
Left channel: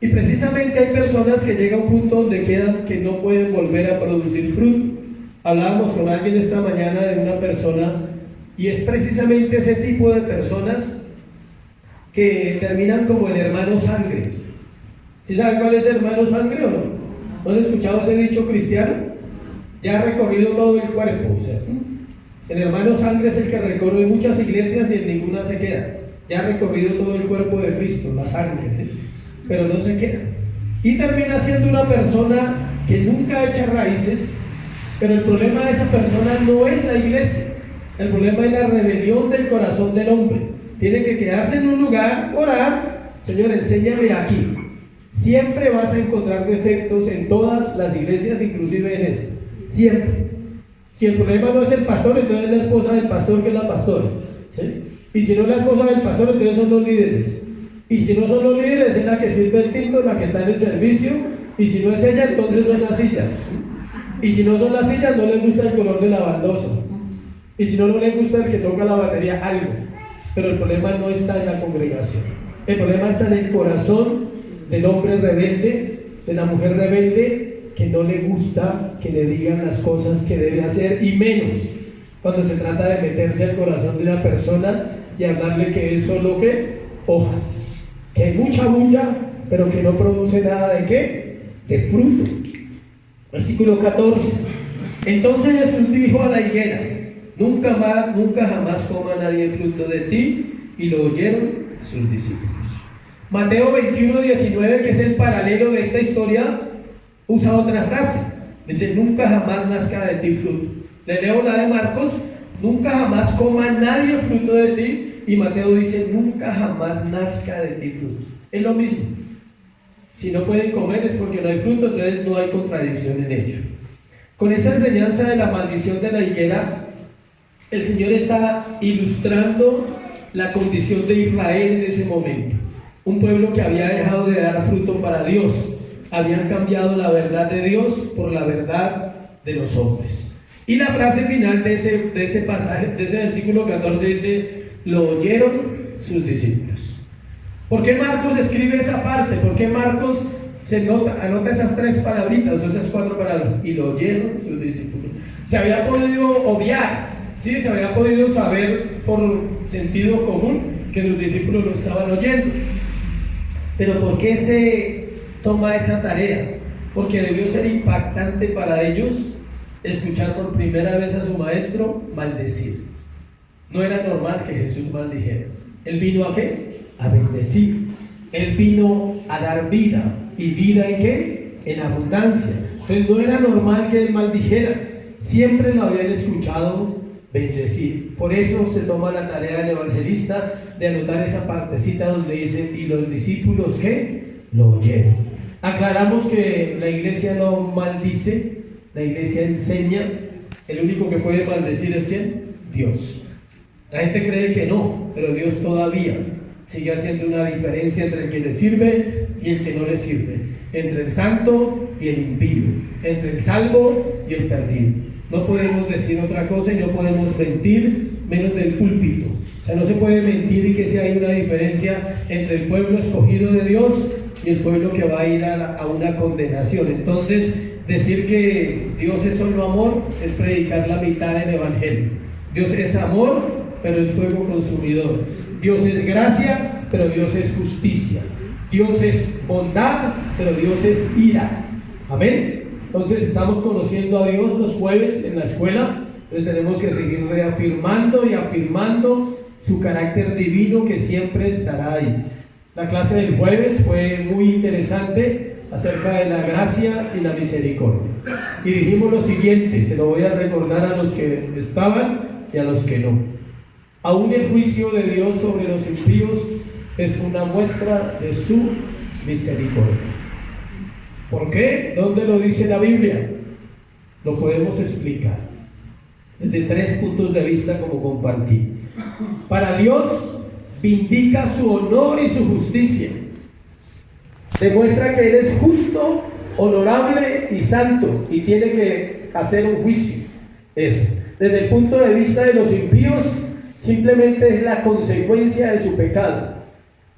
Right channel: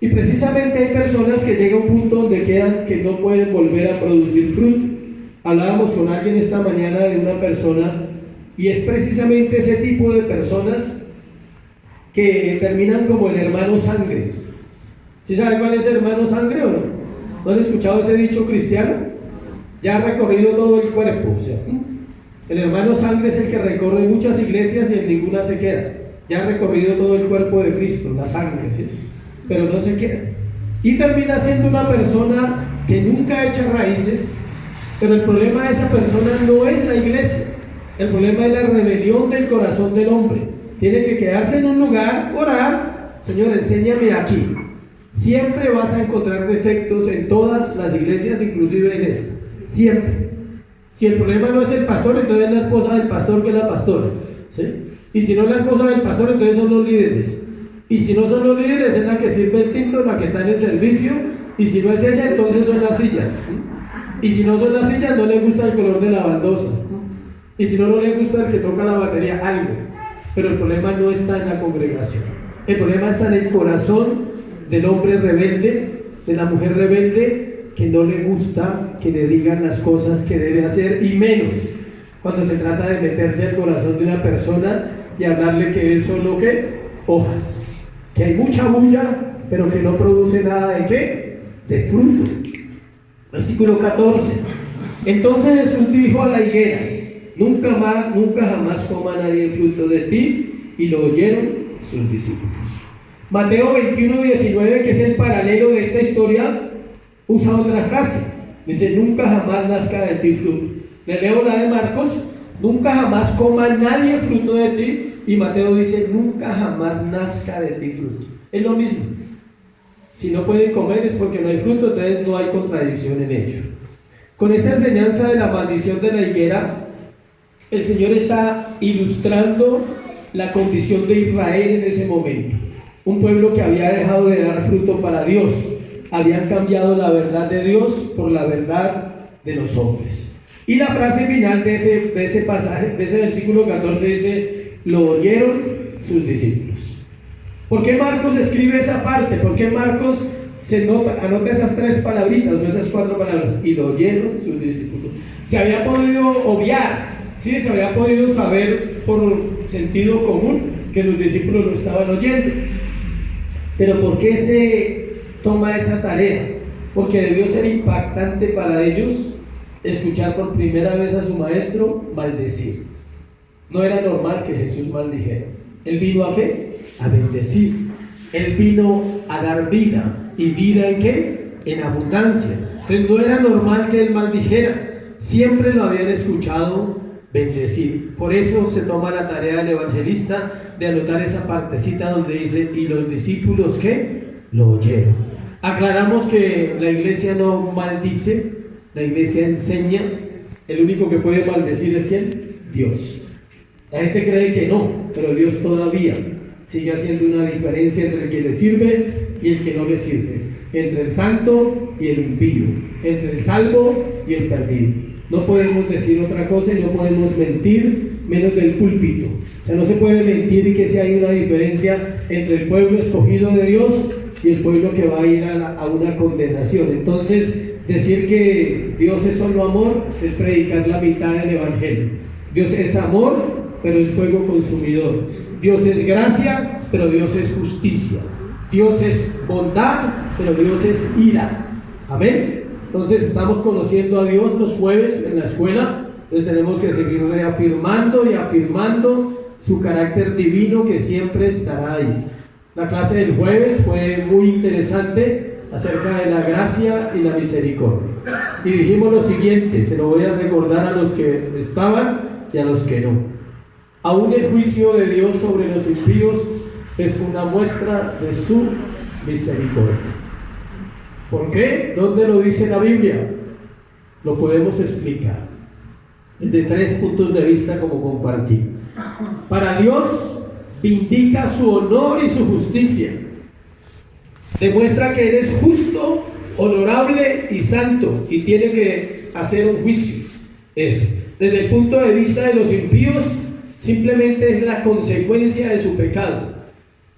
Y precisamente hay personas que llegan a un punto donde quedan que no pueden volver a producir fruto. Hablábamos con alguien esta mañana de una persona Y es precisamente ese tipo de personas que terminan como el hermano sangre. ¿Sí saben cuál es el hermano sangre o no? ¿No han escuchado ese dicho cristiano? Ya ha recorrido todo el cuerpo. O sea, el hermano sangre es el que recorre muchas iglesias y en ninguna se queda. Ya ha recorrido todo el cuerpo de Cristo, la sangre, ¿sí? Pero no se queda. Y termina siendo una persona que nunca echa raíces, pero el problema de esa persona no es la iglesia. El problema es la rebelión del corazón del hombre. Tiene que quedarse en un lugar, orar, Señor, enséñame aquí. Siempre vas a encontrar defectos en todas las iglesias, inclusive en esta. Siempre. Si el problema no es el pastor, entonces es la esposa del pastor que es la pastora, ¿sí? Y si no es la esposa del pastor, entonces son los líderes. Y si no son los líderes, es la que sirve el tinto, la que está en el servicio. Y si no es ella, entonces son las sillas. Y si no son las sillas, no le gusta el color de la baldosa. Y si no, no le gusta el que toca la batería, algo. Pero el problema no está en la congregación. El problema está en el corazón del hombre rebelde, de la mujer rebelde, que no le gusta que le digan las cosas que debe hacer, y menos cuando se trata de meterse al corazón de una persona y hablarle que es solo ¿qué? Hojas, que hay mucha bulla, pero que no produce nada de ¿qué? De fruto. Versículo 14. Entonces Jesús dijo a la higuera: nunca jamás coma nadie el fruto de ti. Y lo oyeron sus discípulos. Mateo 21:19, que es el paralelo de esta historia, usa otra frase. Dice: nunca jamás nazca de ti fruto. Le leo la de Marcos: nunca jamás coma nadie fruto de ti. Y Mateo dice: nunca jamás nazca de ti fruto. Es lo mismo. Si no pueden comer es porque no hay fruto, entonces no hay contradicción en ellos. Con esta enseñanza de la maldición de la higuera, el Señor está ilustrando la condición de Israel en ese momento. Un pueblo que había dejado de dar fruto para Dios. Habían cambiado la verdad de Dios por la verdad de los hombres. Y la frase final de ese pasaje, de ese versículo 14, dice: lo oyeron sus discípulos. ¿Por qué Marcos escribe esa parte? ¿Por qué Marcos anota esas tres palabritas o esas cuatro palabras? Y lo oyeron sus discípulos. Se había podido obviar, ¿sí? Se había podido saber por sentido común que sus discípulos lo estaban oyendo. Pero ¿por qué se toma esa tarea? Porque debió ser impactante para ellos escuchar por primera vez a su maestro maldecir. No era normal que Jesús maldijera. Él vino ¿a qué? A bendecir. Él vino a dar vida. ¿Y vida en qué? En abundancia. Entonces no era normal que él maldijera. Siempre lo habían escuchado bendecir. Por eso se toma la tarea del evangelista de anotar esa partecita donde dice: y los discípulos ¿qué? Lo oyeron. Aclaramos que la iglesia no maldice, la iglesia enseña. El único que puede maldecir es ¿quién? Dios. La gente cree que no, pero Dios todavía sigue haciendo una diferencia entre el que le sirve y el que no le sirve, entre el santo y el impío, entre el salvo y el perdido. No podemos decir otra cosa y no podemos mentir menos del púlpito. O sea, no se puede mentir y que si hay una diferencia entre el pueblo escogido de Dios y el pueblo que va a ir a una condenación. Entonces, decir que Dios es solo amor es predicar la mitad del evangelio. Dios es amor, pero es fuego consumidor. Dios es gracia, pero Dios es justicia. Dios es bondad, pero Dios es ira. Amén. Entonces estamos conociendo a Dios los jueves en la escuela. Entonces tenemos que seguir reafirmando y afirmando su carácter divino, que siempre estará ahí. La clase del jueves fue muy interesante acerca de la gracia y la misericordia. Y dijimos lo siguiente, se lo voy a recordar a los que estaban y a los que no. Aún el juicio de Dios sobre los impíos es una muestra de su misericordia. ¿Por qué? ¿Dónde lo dice la Biblia? Lo podemos explicar desde tres puntos de vista, como compartí. Para Dios vindica su honor y su justicia. Demuestra que Él es justo, honorable y santo, y tiene que hacer un juicio. Eso. Desde el punto de vista de los impíos, simplemente es la consecuencia de su pecado.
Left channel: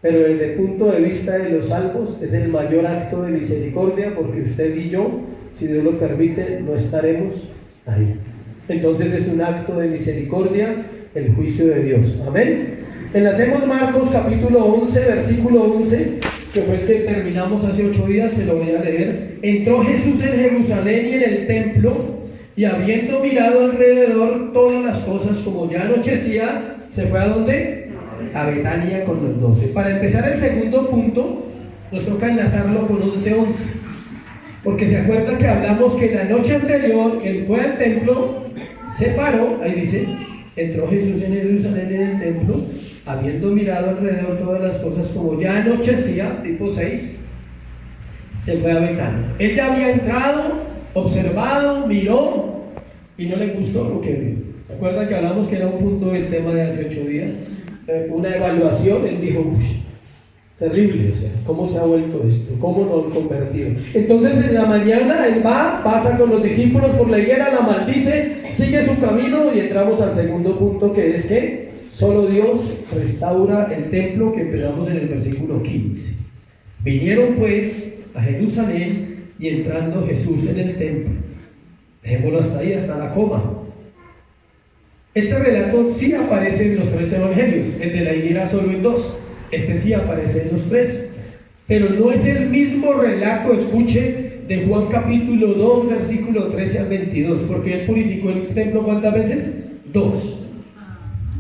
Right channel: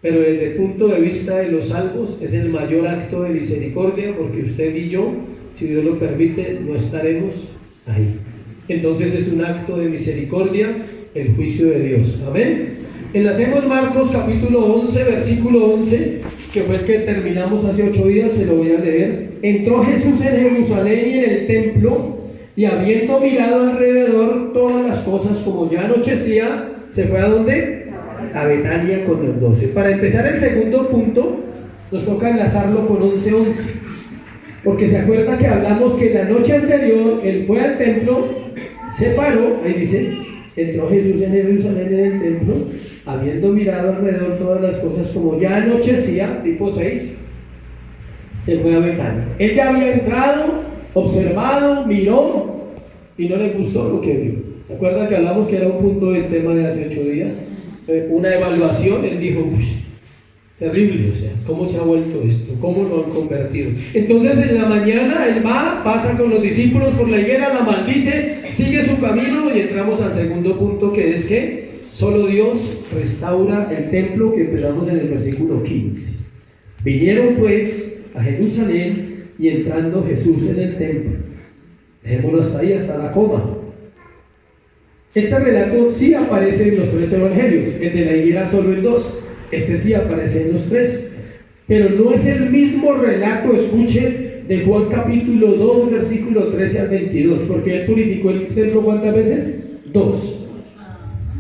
Pero desde el punto de vista de los salvos, es el mayor acto de misericordia, porque usted y yo, si Dios lo permite, no estaremos ahí. Entonces es un acto de misericordia el juicio de Dios. Amén. Enlacemos Marcos capítulo 11, versículo 11, que fue el que terminamos hace 8 días, se lo voy a leer. Entró Jesús en Jerusalén y en el templo, y habiendo mirado alrededor todas las cosas, como ya anochecía, se fue ¿a dónde? A Betania con los 12. Para empezar el segundo punto, nos toca enlazarlo con 11:11, porque se acuerda que hablamos que la noche anterior él fue al templo, se paró, ahí dice, entró Jesús en Jerusalén en el templo, habiendo mirado alrededor todas las cosas, como ya anochecía, tipo 6, se fue a Betania. Él ya había entrado, observado, miró y no le gustó lo que vio. ¿Se acuerdan que hablamos que era un punto del tema de hace 8 días? Una evaluación. Él dijo, terrible, o sea, ¿cómo se ha vuelto esto? ¿Cómo lo han convertido? Entonces en la mañana él va, pasa con los discípulos por la higuera, la maldice, sigue su camino y entramos al segundo punto, que es que solo Dios restaura el templo, que empezamos en el versículo 15. Vinieron pues a Jerusalén, y entrando Jesús en el templo. Dejémoslo hasta ahí, hasta la coma. Este relato sí aparece en los 3 evangelios, el de la higuera solo en 2. Este sí aparece en los 3, pero no es el mismo relato, escuche, de Juan capítulo 2, versículo 13 al 22, porque él purificó el templo ¿cuántas veces? 2.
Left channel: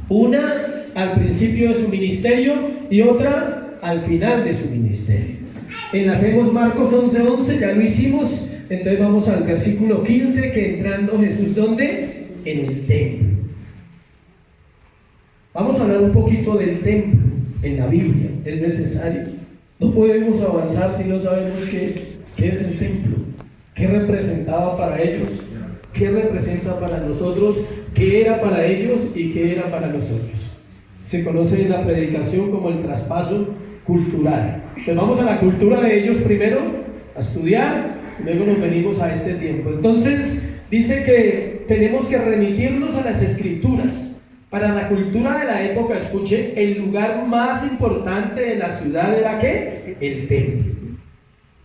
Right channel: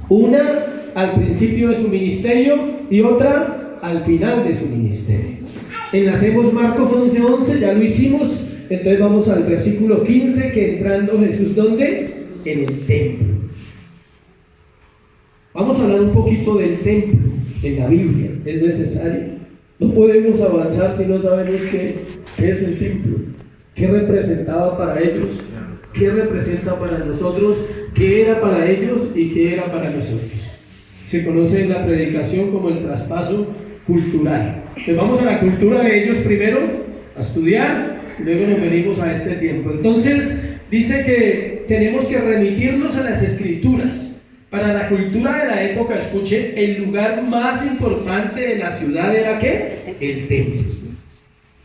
Una al principio de su ministerio y otra al final de su ministerio. Enlacemos Marcos 11:11, ya lo hicimos. Entonces vamos al versículo 15, que entrando Jesús, ¿dónde? En el templo. Vamos a hablar un poquito del templo en la Biblia. Es necesario. No podemos avanzar si no sabemos qué es el templo, qué representaba para ellos, qué representa para nosotros, qué era para ellos y qué era para nosotros. Se conoce en la predicación como el traspaso cultural. Entonces vamos a la cultura de ellos primero, a estudiar, luego nos venimos a este tiempo. Entonces dice que tenemos que remitirnos a las escrituras. Para la cultura de la época, escuche, el lugar más importante de la ciudad era ¿qué? El templo.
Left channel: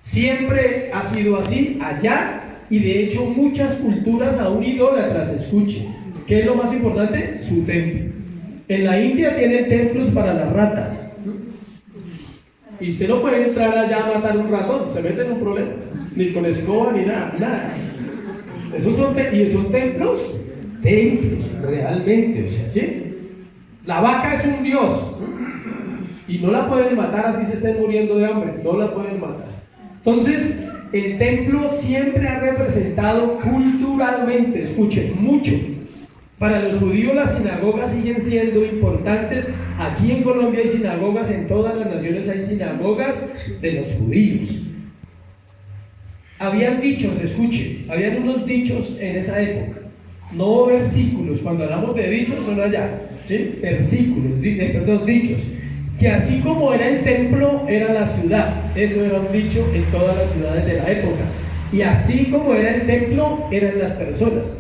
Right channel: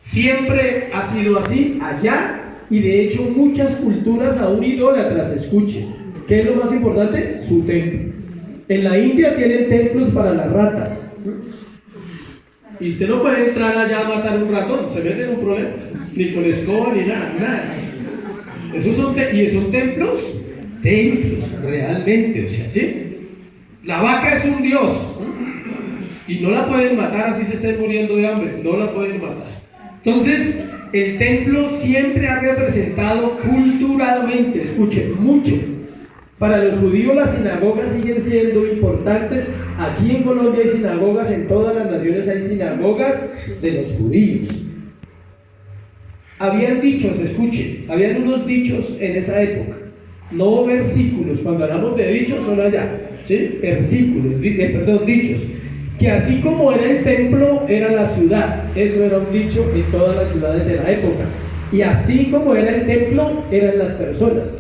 Siempre ha sido así allá, y de hecho muchas culturas aún idólatras, escuche, ¿qué es lo más importante? Su templo. En la India tienen templos para las ratas. Y usted no puede entrar allá a matar un ratón, se mete en un problema, ni con escoba ni nada. Esos son templos realmente, o sea, ¿sí? La vaca es un dios y no la pueden matar así se estén muriendo de hambre, no la pueden matar. Entonces, el templo siempre ha representado culturalmente, escuchen, mucho. Para los judíos las sinagogas siguen siendo importantes. Aquí en Colombia hay sinagogas, en todas las naciones hay sinagogas de los judíos. Habían dichos, escuche, habían unos dichos en esa época, no versículos. Cuando hablamos de dichos son allá, ¿sí? Versículos, dichos, que así como era el templo, era la ciudad. Eso era un dicho en todas las ciudades de la época. Y así como era el templo, eran las personas.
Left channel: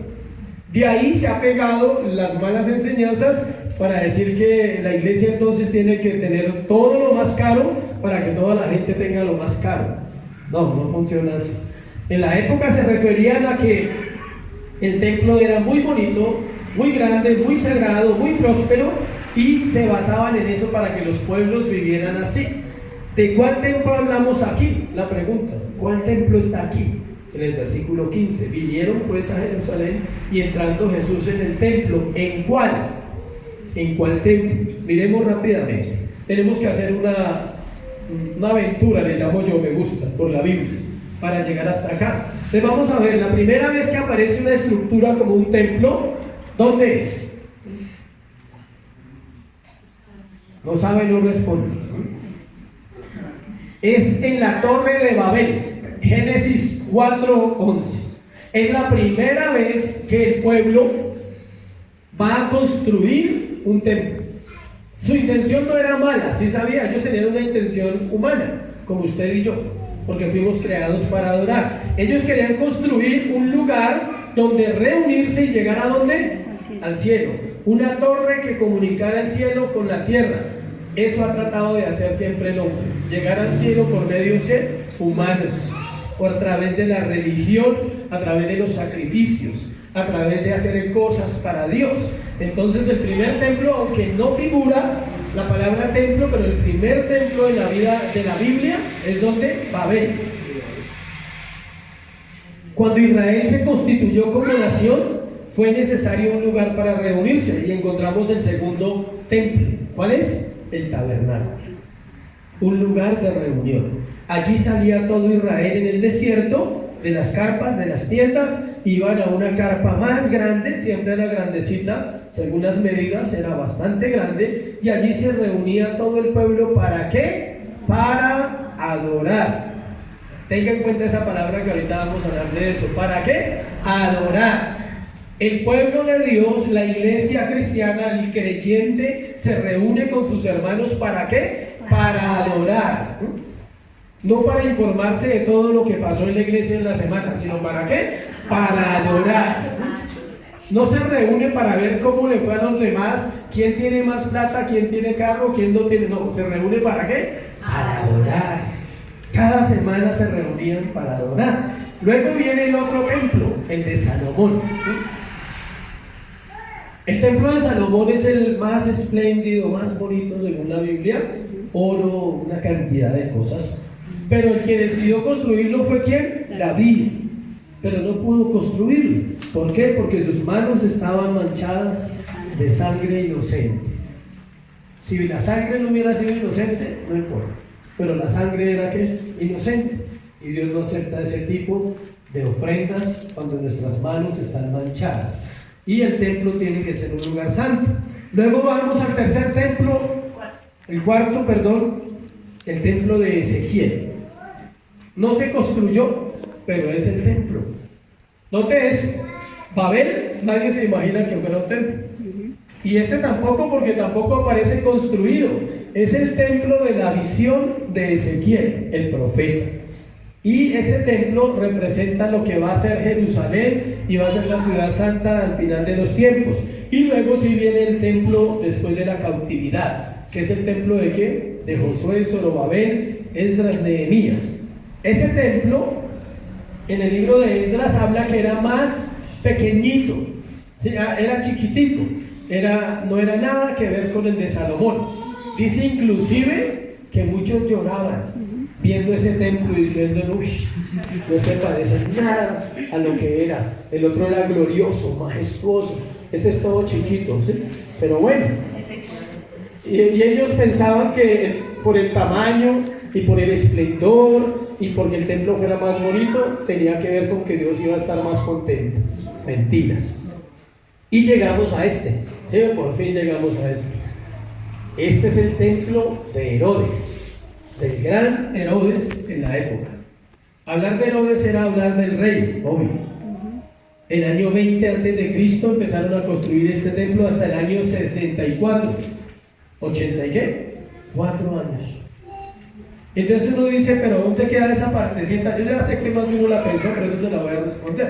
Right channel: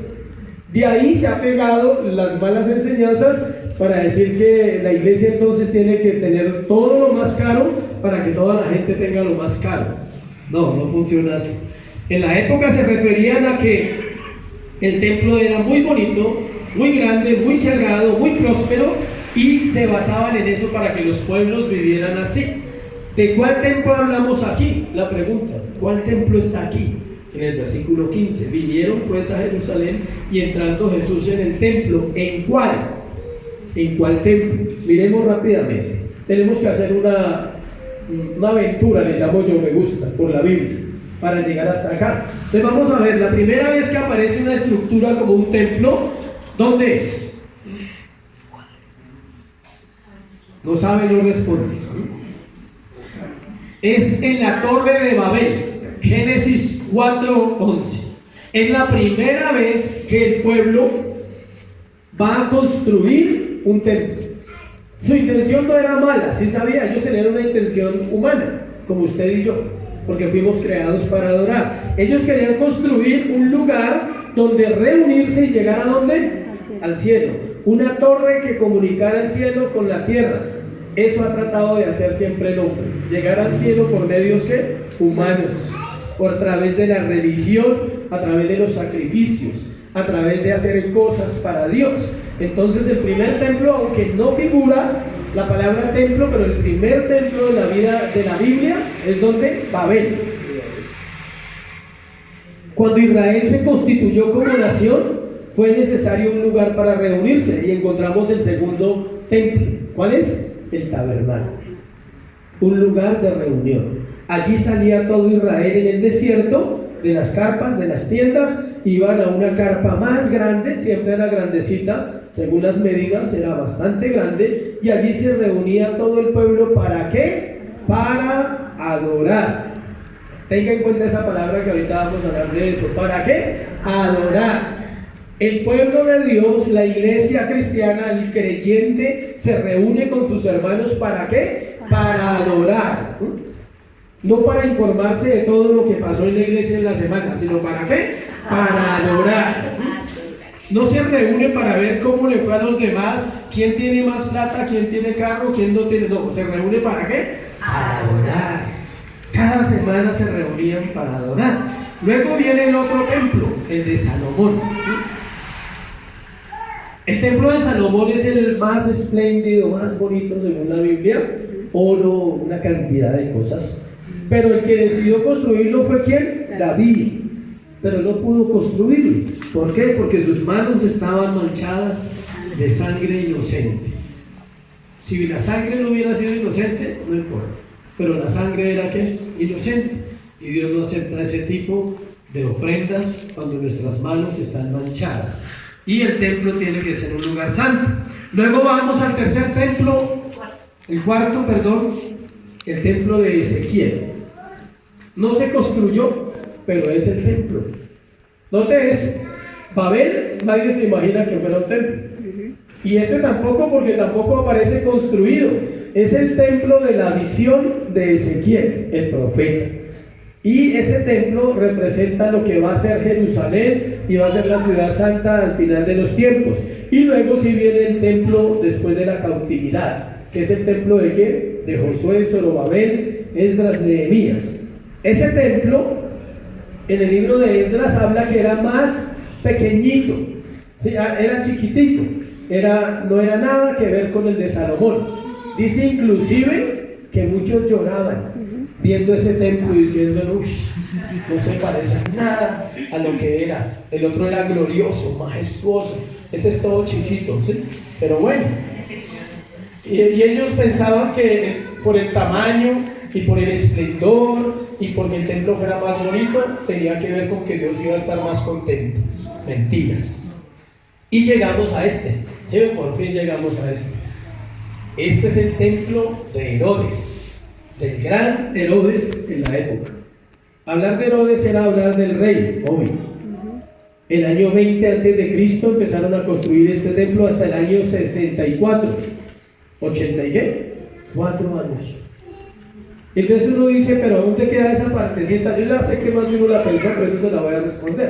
De ahí se ha pegado las malas enseñanzas para decir que la iglesia entonces tiene que tener todo lo más caro para que toda la gente tenga lo más caro. No, no funciona así. En la época se referían a que el templo era muy bonito, muy grande, muy sagrado, muy próspero, y se basaban en eso para que los pueblos vivieran así. ¿De cuál templo hablamos aquí? La pregunta, ¿cuál templo está aquí? En el versículo 15, vinieron pues a Jerusalén y entrando Jesús en el templo. ¿En cuál? ¿En cuál templo? Miremos rápidamente. Tenemos que hacer una aventura, le llamo yo, me gusta, por la Biblia, para llegar hasta acá. Entonces vamos a ver, la primera vez que aparece una estructura como un templo, ¿dónde es? No sabe, no responde. Es en la Torre de Babel, Génesis 4:11. Es la primera vez que el pueblo va a construir un templo. Su intención no era mala, sí sabía, ellos tenían una intención humana, como usted y yo, porque fuimos creados para adorar. Ellos querían construir un lugar donde reunirse y llegar ¿a dónde? Al cielo. Una torre que comunicara el cielo con la tierra. Eso ha tratado de hacer siempre el hombre, llegar al cielo por medios humanos, por a través de la religión, a través de los sacrificios, a través de hacer cosas para Dios. Entonces el primer templo, aunque no figura la palabra templo, pero el primer templo de la vida de la Biblia es donde Babel. Cuando Israel se constituyó como nación, fue necesario un lugar para reunirse y encontramos el segundo templo. ¿Cuál es? El tabernáculo, un lugar de reunión. Allí salía todo Israel en el desierto, de las carpas, de las tiendas, iban a una carpa más grande, siempre era grandecita, según las medidas era bastante grande, y allí se reunía todo el pueblo. ¿Para qué? Para adorar. Tenga en cuenta esa palabra que ahorita vamos a hablar de eso. ¿Para qué? Adorar. El pueblo de Dios, la iglesia cristiana, el creyente, se reúne con sus hermanos. ¿Para qué? Para adorar. No para informarse de todo lo que pasó en la iglesia en la semana, sino ¿para qué? Para adorar. No se reúnen para ver cómo le fue a los demás, quién tiene más plata, quién tiene carro, quién no tiene. No, se reúne ¿para qué? Para adorar. Cada semana se reunían para adorar. Luego viene el otro templo, el de Salomón. El templo de Salomón es el más espléndido, más bonito según la Biblia. Oro, una cantidad de cosas. Pero el que decidió construirlo fue ¿quién? David. Pero no pudo construirlo. ¿Por qué? Porque sus manos estaban manchadas de sangre inocente. Si la sangre no hubiera sido inocente, no importa. Pero la sangre era ¿qué? Inocente. Y Dios no acepta ese tipo de ofrendas cuando nuestras manos están manchadas. Y el templo tiene que ser un lugar santo. Luego vamos al tercer templo, el cuarto, el templo de Ezequiel. No se construyó, pero es el templo. Note eso. Babel, nadie se imagina que fuera un templo. Y este tampoco, porque tampoco aparece construido. Es el templo de la visión de Ezequiel, el profeta. Y ese templo representa lo que va a ser Jerusalén y va a ser la ciudad santa al final de los tiempos. Y luego sí viene el templo después de la cautividad, que es el templo de ¿qué? De Josué, Zorobabel, Esdras, Nehemías. Ese templo, en el libro de Esdras habla que era más pequeñito, ¿sí? Era chiquitito, no era nada que ver con el de Salomón. Dice inclusive que muchos lloraban viendo ese templo y diciendo, uy, no se parece nada a lo que era. El otro era glorioso, majestuoso, este es todo chiquito, ¿sí? Pero bueno, y ellos pensaban que por el tamaño y por el esplendor y porque el templo fuera más bonito tenía que ver con que Dios iba a estar más contento. Mentiras. Y llegamos a este, ¿sí? Por fin llegamos a este. Este es el templo de Herodes, del gran Herodes en la época. Hablar de Herodes era hablar del rey, obvio. El año 20 a.C. empezaron a construir este templo hasta el año 64. ¿80 y qué? 4 años. Entonces uno dice, pero ¿dónde queda esa partecita? Yo ya sé que más de uno la piensa, por eso se la voy a responder.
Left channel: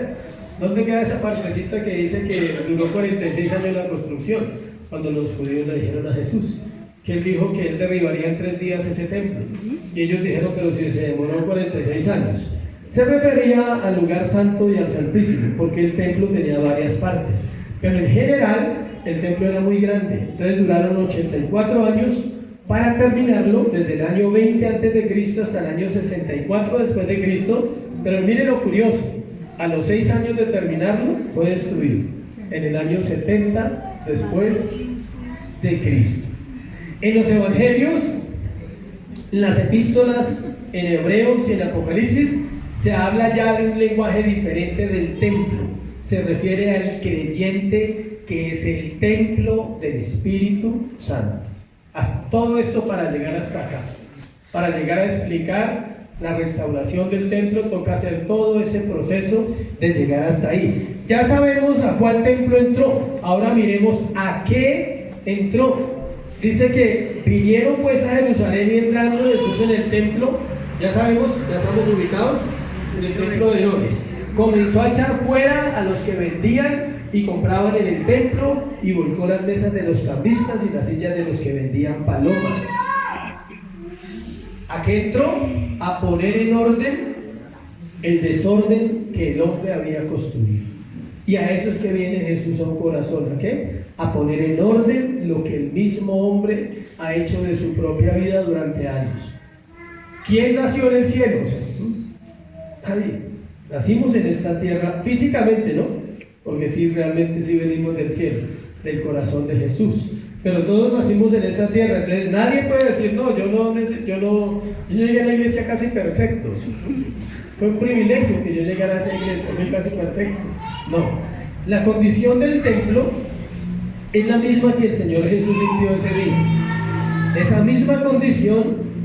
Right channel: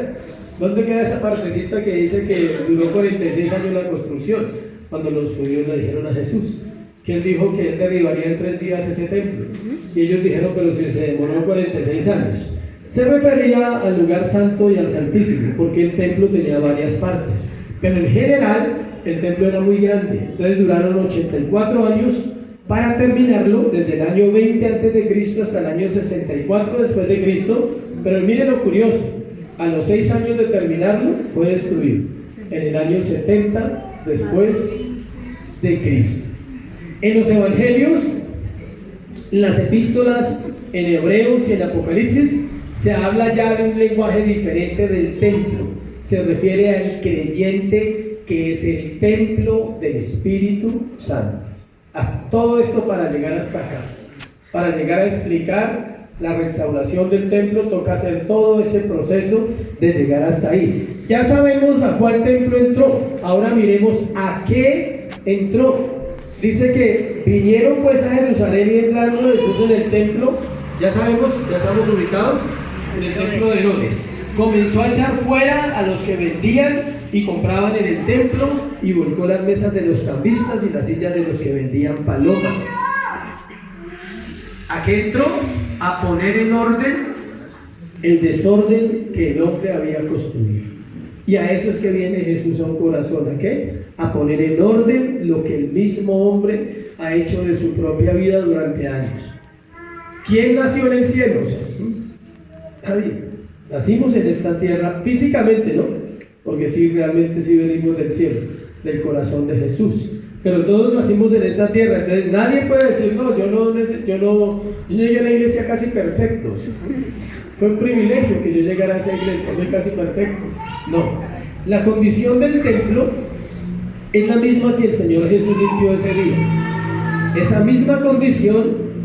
¿Dónde queda esa partecita que dice que duró 46 años la construcción? Cuando los judíos le dijeron a Jesús que él dijo que él derribaría en 3 días ese templo. Y ellos dijeron, pero si se demoró 46 años. Se refería al lugar santo y al santísimo, porque el templo tenía varias partes. Pero en general, el templo era muy grande. Entonces duraron 84 años para terminarlo, desde el año 20 a.C. hasta el año 64 después de Cristo. Pero miren lo curioso, a los 6 años de terminarlo fue destruido, en el año 70 después de Cristo. En los evangelios, en las epístolas, en Hebreos y en Apocalipsis, se habla ya de un lenguaje diferente del templo. Se refiere al creyente que es el templo del Espíritu Santo. Hasta todo esto para llegar hasta acá, para llegar a explicar la restauración del templo, toca hacer todo ese proceso de llegar hasta ahí. Ya sabemos a cuál templo entró, ahora miremos a qué entró. Dice que vinieron pues a Jerusalén y entrando Jesús en el templo, ya sabemos, ya estamos ubicados en el templo de Herodes. Comenzó a echar fuera a los que vendían y compraban en el templo y volcó las mesas de los cambistas y las sillas de los que vendían palomas. ¿A qué entró? A poner en orden el desorden que el hombre había construido. Y a eso es que viene Jesús a un corazón, ¿a qué? A poner en orden lo que el mismo hombre ha hecho de su propia vida durante años. ¿Quién nació en el cielo? Nadie. Nacimos en esta tierra físicamente, ¿no? Porque sí, realmente sí venimos del cielo, del corazón de Jesús. Pero todos nacimos en esta tierra. Entonces nadie puede decir, no, yo llegué a la iglesia casi perfecto. Fue un privilegio que yo llegara a esa iglesia, soy casi perfecto. No, la condición del templo es la misma que el Señor Jesús limpió ese día. Esa misma condición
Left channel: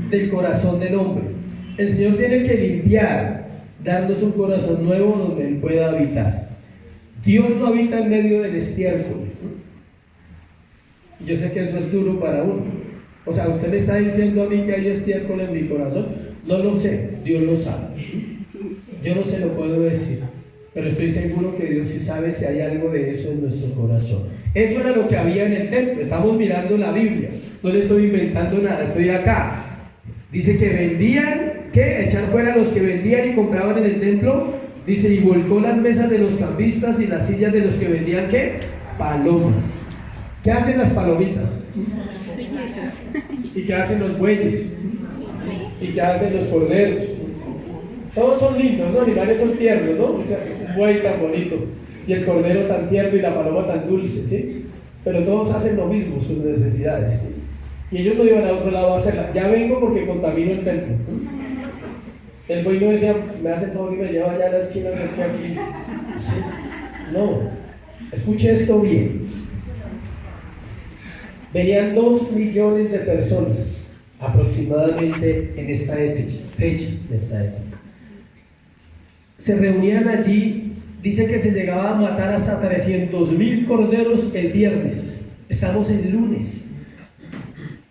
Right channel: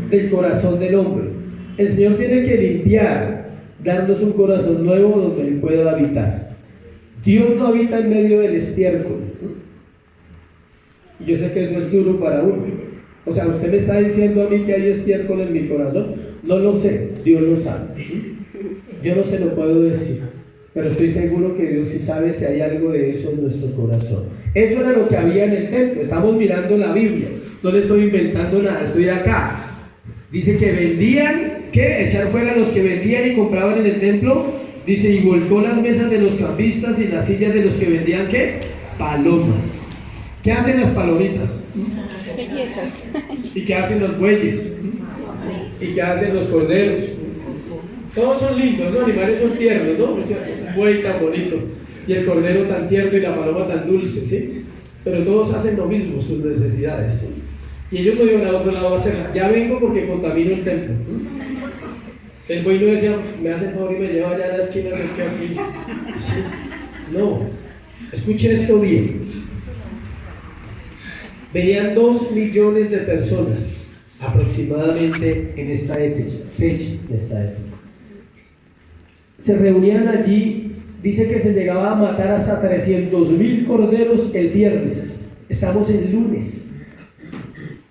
del corazón del hombre. El Señor tiene que limpiar, darnos un corazón nuevo donde Él pueda habitar. Dios no habita en medio del estiércol. Yo sé que eso es duro para uno. O sea, usted me está diciendo a mí que hay estiércol en mi corazón. No lo sé, Dios lo sabe. Yo no se lo puedo decir, pero estoy seguro que Dios sí sabe si hay algo de eso en nuestro corazón. Eso era lo que había en el templo. Estamos mirando la Biblia. No le estoy inventando nada, estoy acá. Dice que vendían, ¿qué? Echar fuera a los que vendían y compraban en el templo. Dice, y volcó las mesas de los cambistas y las sillas de los que vendían, ¿qué? Palomas. ¿Qué hacen las palomitas? Bellezas. ¿Y qué hacen los bueyes? ¿Y qué hacen los corderos? Todos son lindos, los animales son tiernos, ¿no? Un buey tan bonito, y el cordero tan tierno y la paloma tan dulce, ¿sí? Pero todos hacen lo mismo, sus necesidades, ¿sí? Y ellos no iban a otro lado a hacerla. Ya vengo porque contamino el templo. El buey no decía, me hace el favor y me lleva allá a la esquina que es que aquí. ¿Sí? No, escuche esto bien. Venían 2 millones de personas aproximadamente en esta fecha. Se reunían allí, dice que se llegaba a matar hasta 300,000 corderos el viernes. Estamos en lunes.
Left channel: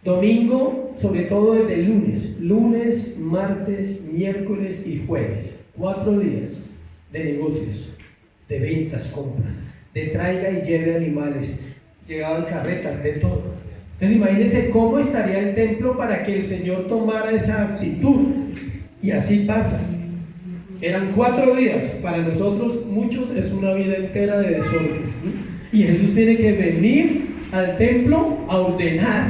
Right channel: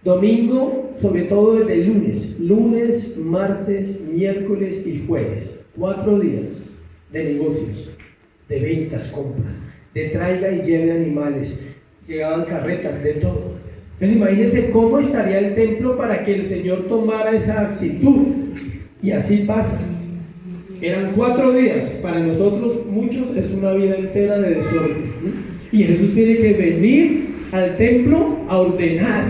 Domingo, sobre todo desde el lunes, martes, miércoles y jueves. 4 días de negocios, de ventas, compras, de traiga y lleve animales. Llegaban carretas, de todo. Entonces imagínense cómo estaría el templo para que el Señor tomara esa actitud. Y así pasa. Eran 4 días. Para nosotros, muchos, es una vida entera de desorden. Y Jesús tiene que venir al templo a ordenar,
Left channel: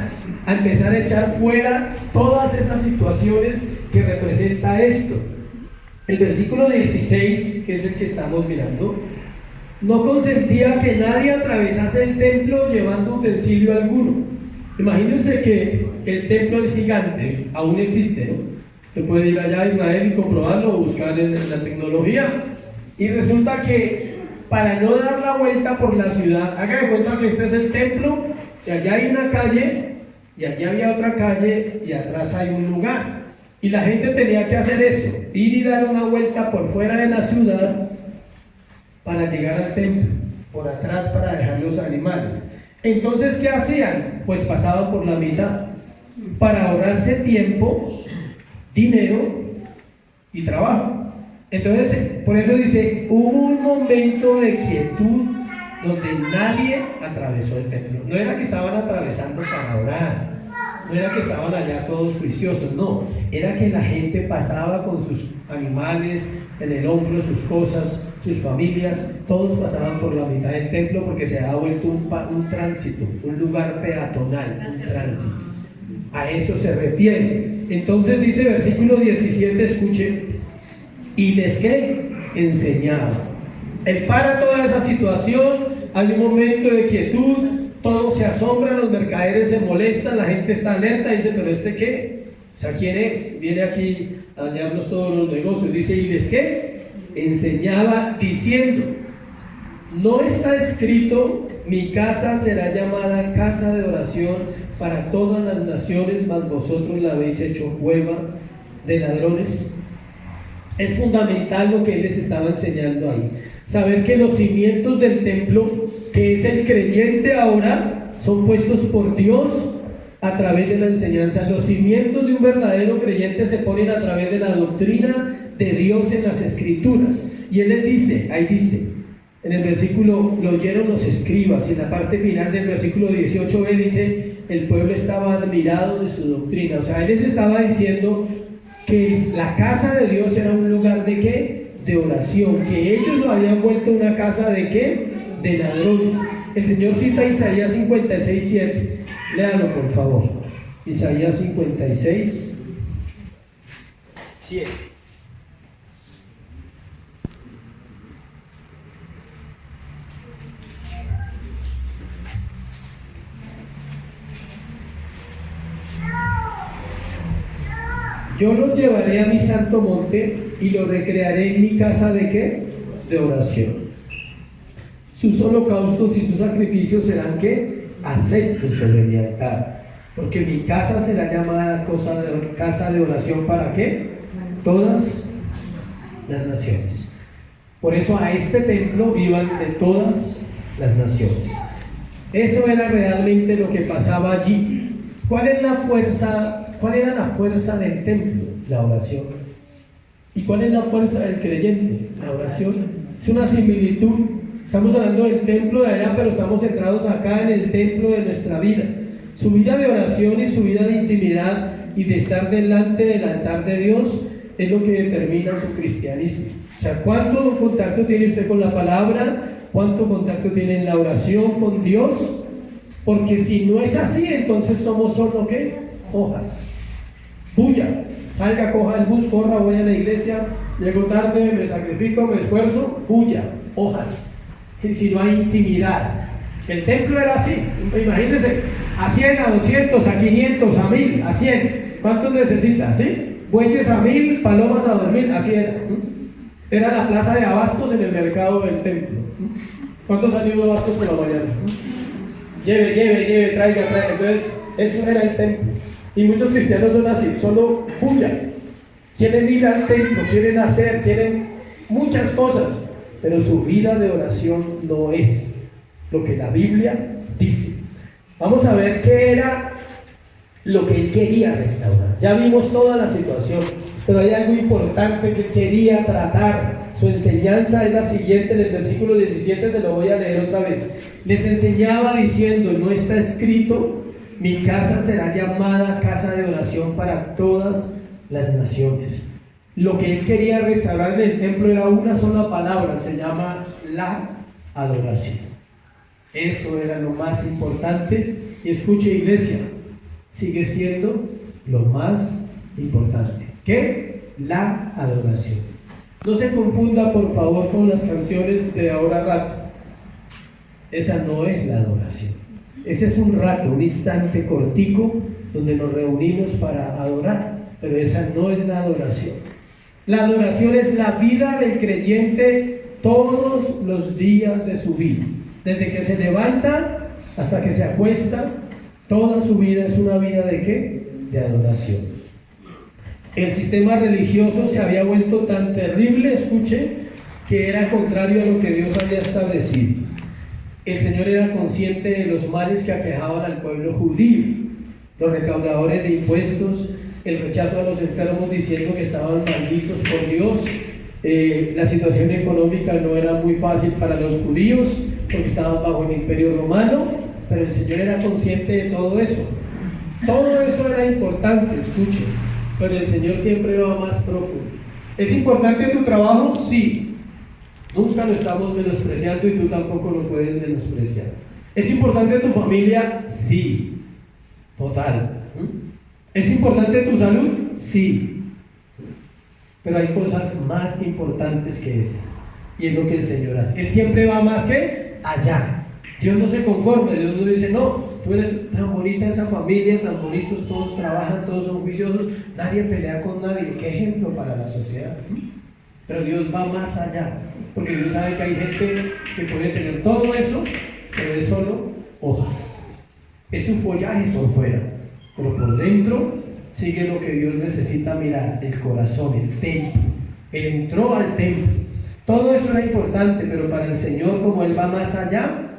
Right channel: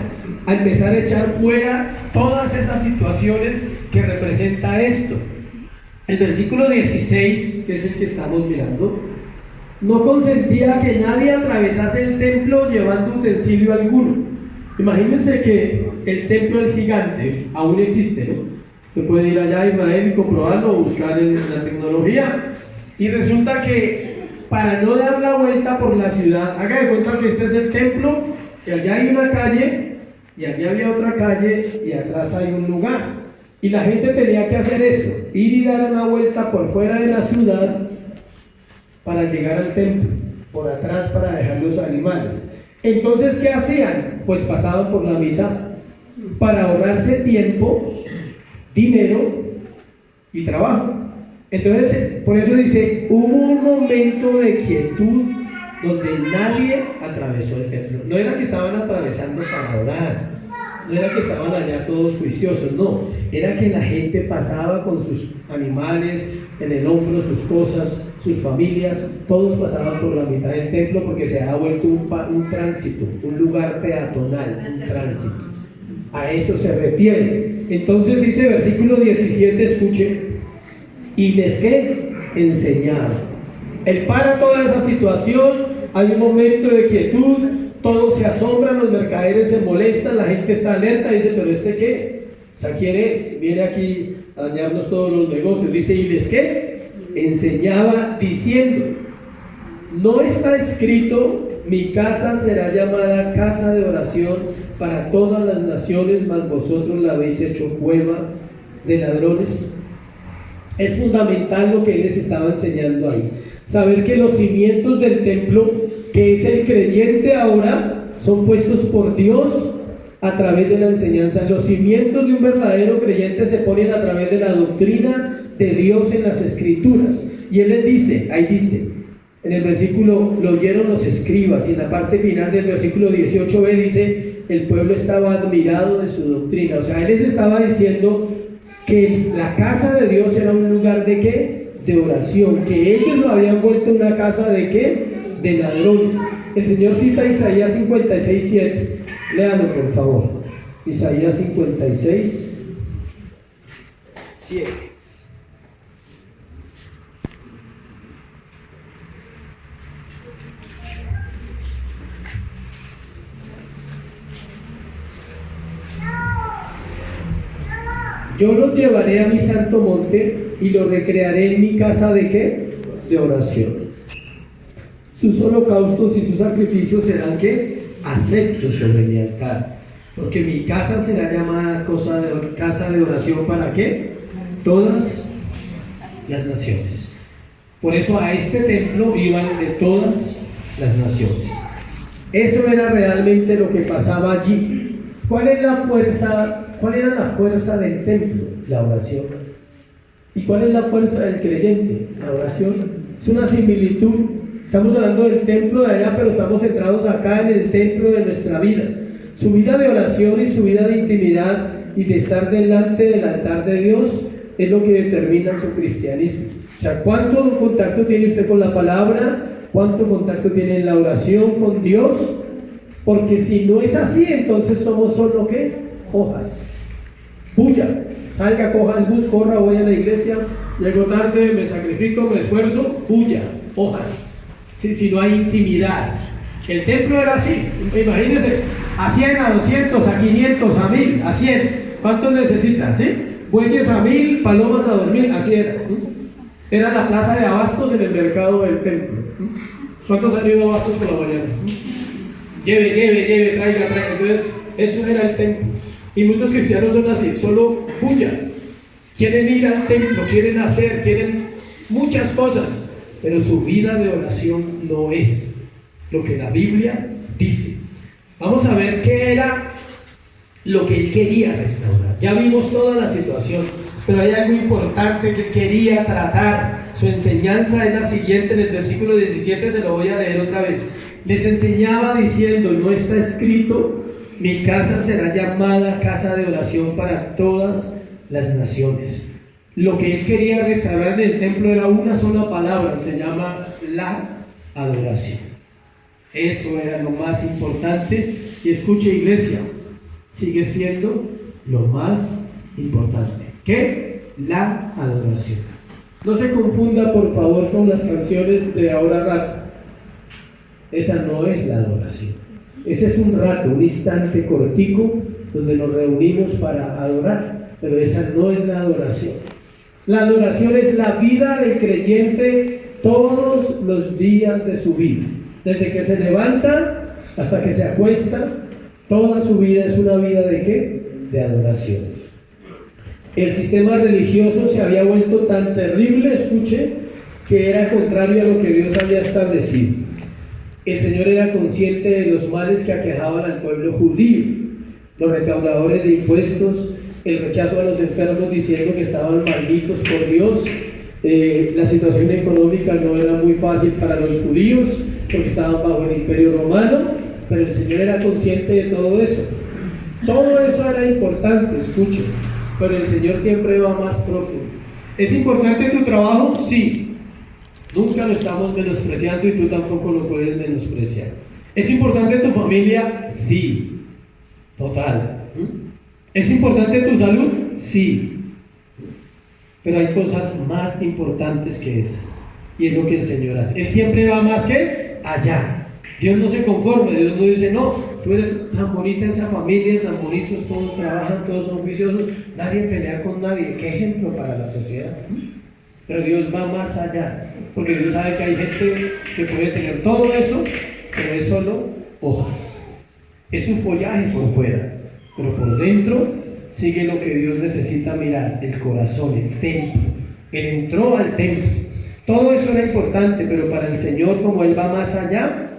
a empezar a echar fuera todas esas situaciones que representa esto. El versículo 16, que es el que estamos mirando, no consentía que nadie atravesase el templo llevando utensilio alguno. Imagínense que el templo es gigante, aún existe, ¿no? Usted puede ir allá a Israel y comprobarlo o buscar en la tecnología. Y resulta que para no dar la vuelta por la ciudad, haga de cuenta que este es el templo, y allá hay una calle, y allá había otra calle, y atrás hay un lugar. Y la gente tenía que hacer eso, ir y dar una vuelta por fuera de la ciudad para llegar al templo, por atrás para dejar los animales. Entonces, ¿qué hacían? Pues pasaban por la mitad, para ahorrarse tiempo, dinero y trabajo. Entonces, por eso dice, hubo un momento de quietud donde nadie atravesó el templo. No era que estaban atravesando para orar, no era que estaban allá todos juiciosos, no, era que la gente pasaba con sus animales en el hombro, sus cosas, sus familias, todos pasaban por la mitad del templo porque se ha vuelto un tránsito, un lugar peatonal, un tránsito. A eso se refiere. Entonces dice versículo 17, escuchen, y les que enseñaba. Él para toda esa situación, hay un momento de quietud, todos se asombran, los mercaderes se molestan, la gente está alerta, dice, pero ¿este qué? O sea, ¿quién es? Viene aquí a dañarnos todos los negocios. Dice, ¿y les qué? Enseñaba diciendo, no está escrito, mi casa será llamada casa de oración para todas las naciones, mas vosotros la habéis hecho cueva de ladrones. Es fundamental lo que él les estaba enseñando ahí. Saber que los cimientos del templo, que es el creyente ahora, son puestos por Dios a través de la enseñanza. Los cimientos de un verdadero creyente se ponen a través de la doctrina de Dios en las Escrituras. Y él les dice, ahí dice, en el versículo, lo oyeron los escribas, y en la parte final del versículo 18b dice, el pueblo estaba admirado de su doctrina. O sea, él les estaba diciendo que la casa de Dios era un lugar de ¿qué? de oración, que ellos lo habían vuelto una casa de ¿qué? De ladrones. El Señor cita Isaías 56:7. Léalo por favor. Isaías 56:7. Yo los llevaré a mi santo monte y los recrearé en mi casa de ¿qué? De oración. Sus holocaustos y sus sacrificios serán ¿qué? Aceptos sobre mi altar, porque mi casa será llamada casa de oración para ¿qué? Todas las naciones. Por eso a este templo iban de todas las naciones. Eso era realmente lo que pasaba allí. ¿Cuál era la fuerza del templo? La oración. ¿Y cuál es la fuerza del creyente? La oración. Es una similitud. Estamos hablando del templo de allá, pero estamos centrados acá en el templo de nuestra vida. Su vida de oración y su vida de intimidad y de estar delante del altar de Dios es lo que determina su cristianismo. O sea, ¿cuánto contacto tiene usted con la palabra? ¿Cuánto contacto tiene en la oración con Dios? Porque si no es así, entonces somos solo ¿qué? Hojas. Puya, salga, coja el bus, corra, voy a la iglesia, llego tarde, me sacrifico, me esfuerzo, puya, hojas. Sí, si no hay intimidad. El templo era así, imagínense, a 100, a 200, a 500, a 1000, a 100. ¿Cuántos necesitan? ¿Sí? Bueyes a 1000, palomas a 2000, así era. Era la plaza de abastos en el mercado del templo. ¿Cuántos han ido a abastos por la mañana? Lleve, traiga. Entonces, eso era el templo. Y muchos cristianos son así, solo puya. Quieren ir al templo, quieren hacer, quieren muchas cosas, pero su vida de oración no es lo que la Biblia dice. Vamos a ver qué era lo que él quería restaurar. Ya vimos toda la situación, pero hay algo importante que quería tratar. Su enseñanza es la siguiente, en el versículo 17 se lo voy a leer otra vez. Les enseñaba diciendo: no está escrito, mi casa será llamada casa de oración para todas las naciones. Lo que él quería restaurar en el templo era una sola palabra, se llama la adoración. Eso era lo más importante. Y escuche, iglesia, sigue siendo lo más importante. ¿Qué? La adoración. No se confunda por favor con las canciones de ahora rato. Esa no es la adoración. Ese es un rato, un instante cortico donde nos reunimos para adorar, pero esa no es la adoración. La adoración es la vida del creyente todos los días de su vida. Desde que se levanta hasta que se acuesta, toda su vida es una vida ¿de qué? De adoración. El sistema religioso se había vuelto tan terrible, escuche, que era contrario a lo que Dios había establecido. El Señor era consciente de los males que aquejaban al pueblo judío, los recaudadores de impuestos, el rechazo a los enfermos diciendo que estaban malditos por Dios. La situación económica no era muy fácil para los judíos porque estaban bajo el imperio romano, pero el Señor era consciente de todo eso. Todo eso era importante, escuche, pero el Señor siempre va más profundo. ¿Es importante tu trabajo? Sí. Nunca lo estamos menospreciando y tú tampoco lo puedes menospreciar. ¿Es importante tu familia? Sí. Total. ¿Es importante tu salud? Sí. Pero hay cosas más importantes que esas. Y es lo que el Señor hace. Él siempre va más que allá. Dios no se conforme. Dios no dice: no, tú eres tan bonita esa familia, tan bonitos, todos trabajan, todos son juiciosos, nadie pelea con nadie. ¿Qué ejemplo para la sociedad? Pero Dios va más allá, porque Dios sabe que hay gente que puede tener todo eso, pero es solo hojas. Es su follaje por fuera, pero por dentro sigue lo que Dios necesita mirar: el corazón, el templo. Él entró al templo. Todo eso era importante, pero para el Señor, como Él va más allá,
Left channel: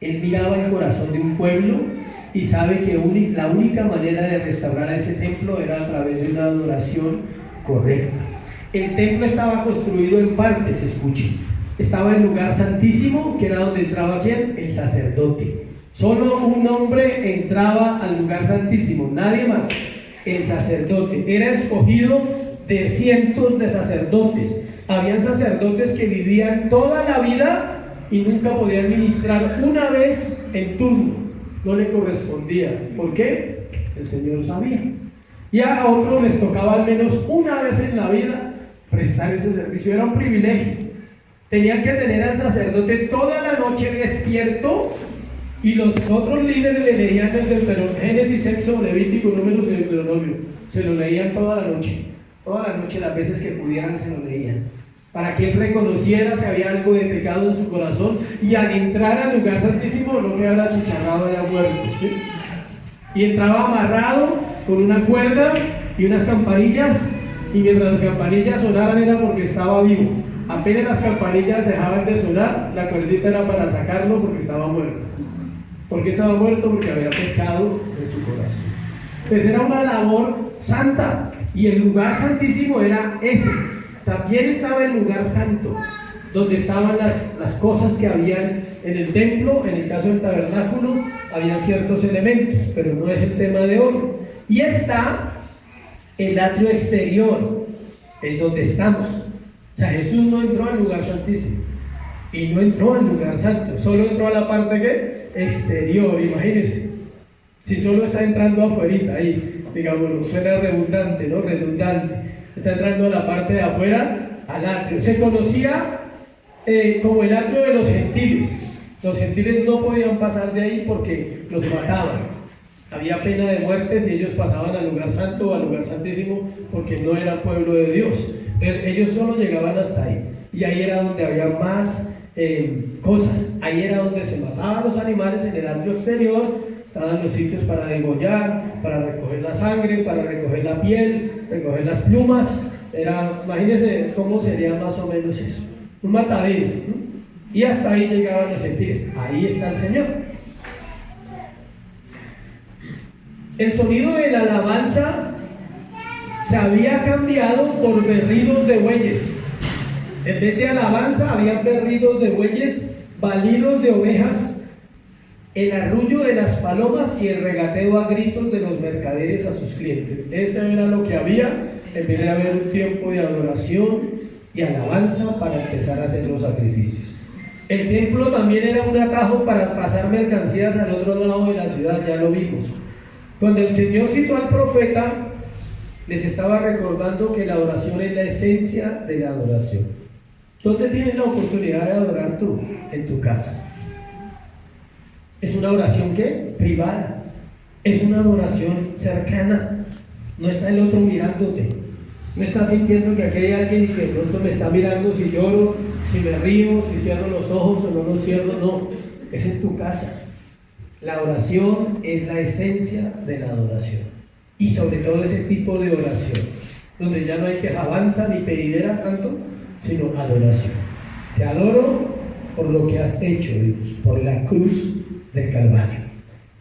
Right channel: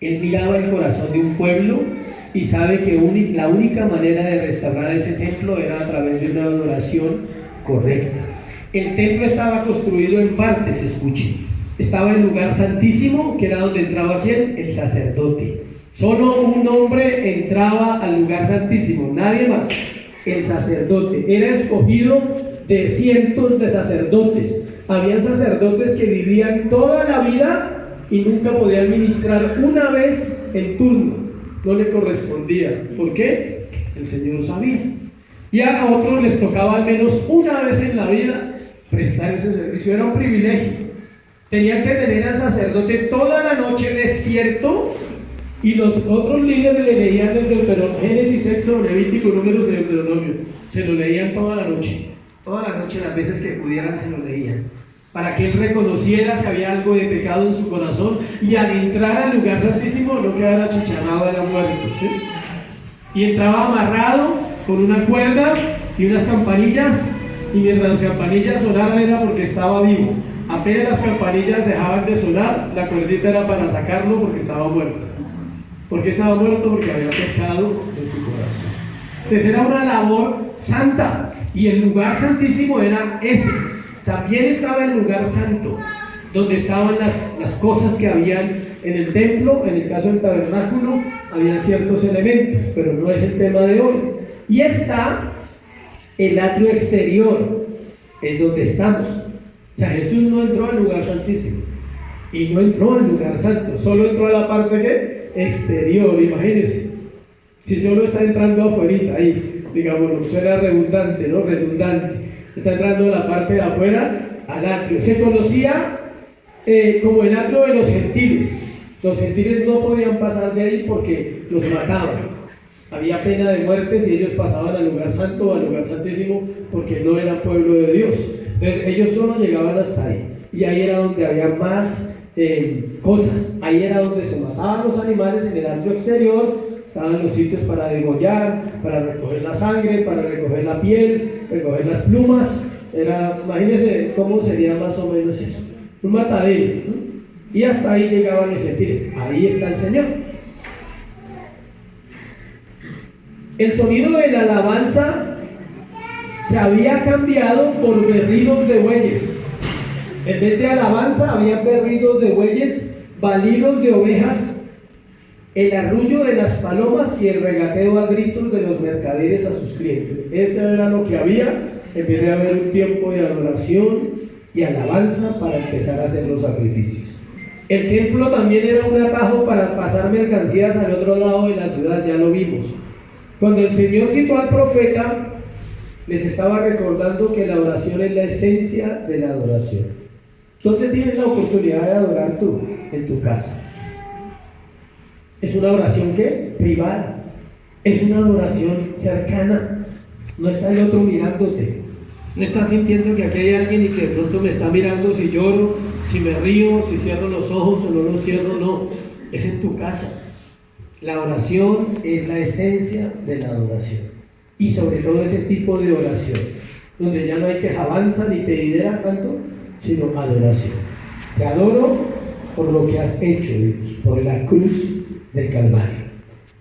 Él miraba el corazón de un pueblo y sabe que la única manera de restaurar ese templo era a través de una adoración correcta. El templo estaba construido en partes, escuchen. Estaba el lugar santísimo, que era donde entraba ¿quién? El sacerdote. Solo un hombre entraba al lugar santísimo, nadie más. El sacerdote era escogido de cientos de sacerdotes, Habían sacerdotes que vivían toda la vida y nunca podían ministrar una vez en turno, no le correspondía. ¿Por qué? El Señor sabía. Y a otros les tocaba al menos una vez en la vida prestar ese servicio. Era un privilegio. Tenían que tener al sacerdote toda la noche despierto, y los otros líderes le leían el Deuteronomio, Génesis, Éxodo, Levítico, Números y Deuteronomio. Se lo leían toda la noche, las veces que pudieran se lo leían, para que él reconociera si había algo de pecado en su corazón, y al entrar al lugar santísimo no quedara achicharrado a la muerte, ¿sí? Y entraba amarrado con una cuerda y unas campanillas, y mientras las campanillas sonaran era porque estaba vivo. Apenas las campanillas dejaban de sonar, la cuerdita era para sacarlo porque estaba muerto. ¿Por qué estaba muerto? Porque había pecado en su corazón. Pues era una labor santa, y el lugar santísimo era ese. También estaba el lugar santo, donde estaban las cosas que habían en el templo. En el caso del tabernáculo había ciertos elementos, pero no es el tema de hoy. Y está el atrio exterior, es donde estamos. O sea, Jesús no entró al lugar santísimo y no entró al lugar santo, solo entró a la parte exterior. Imagínense, si solo está entrando afuera, ahí, digamos, suena redundante, ¿no? Redundante. Está entrando a la parte de afuera, al atrio. Se conocía como el atrio de los gentiles. Los gentiles no podían pasar de ahí porque los mataban. Había pena de muerte si ellos pasaban al lugar santo o al lugar santísimo, porque no eran pueblo de Dios. Entonces ellos solo llegaban hasta ahí, y ahí era donde había más cosas. Ahí era donde se mataban los animales, en el atrio exterior. Estaban los sitios para degollar, para recoger la sangre, para recoger la piel, recoger las plumas. Imagínense cómo sería más o menos eso, un matadero, ¿no? Y hasta ahí llegaban los gentiles. Ahí está el Señor. El sonido de la alabanza se había cambiado por berridos de bueyes. En vez de alabanza había berridos de bueyes, balidos de ovejas, el arrullo de las palomas y el regateo a gritos de los mercaderes a sus clientes. Eso era lo que había en vez de haber un tiempo de adoración y alabanza para empezar a hacer los sacrificios. El templo también era un atajo para pasar mercancías al otro lado de la ciudad, ya lo vimos. Cuando el Señor citó al profeta, les estaba recordando que la oración es la esencia de la adoración. ¿Dónde tienes la oportunidad de adorar tú? En tu casa. Es una oración ¿qué? Privada. Es una adoración cercana. No está el otro mirándote. No estás sintiendo que aquí hay alguien y que de pronto me está mirando si lloro, si me río, si cierro los ojos o no los cierro. No, es en tu casa. La oración es la esencia de la adoración. Y sobre todo ese tipo de oración, donde ya no hay quejabanza ni pedidera tanto, sino adoración. Te adoro por lo que has hecho, Dios, por la cruz del Calvario.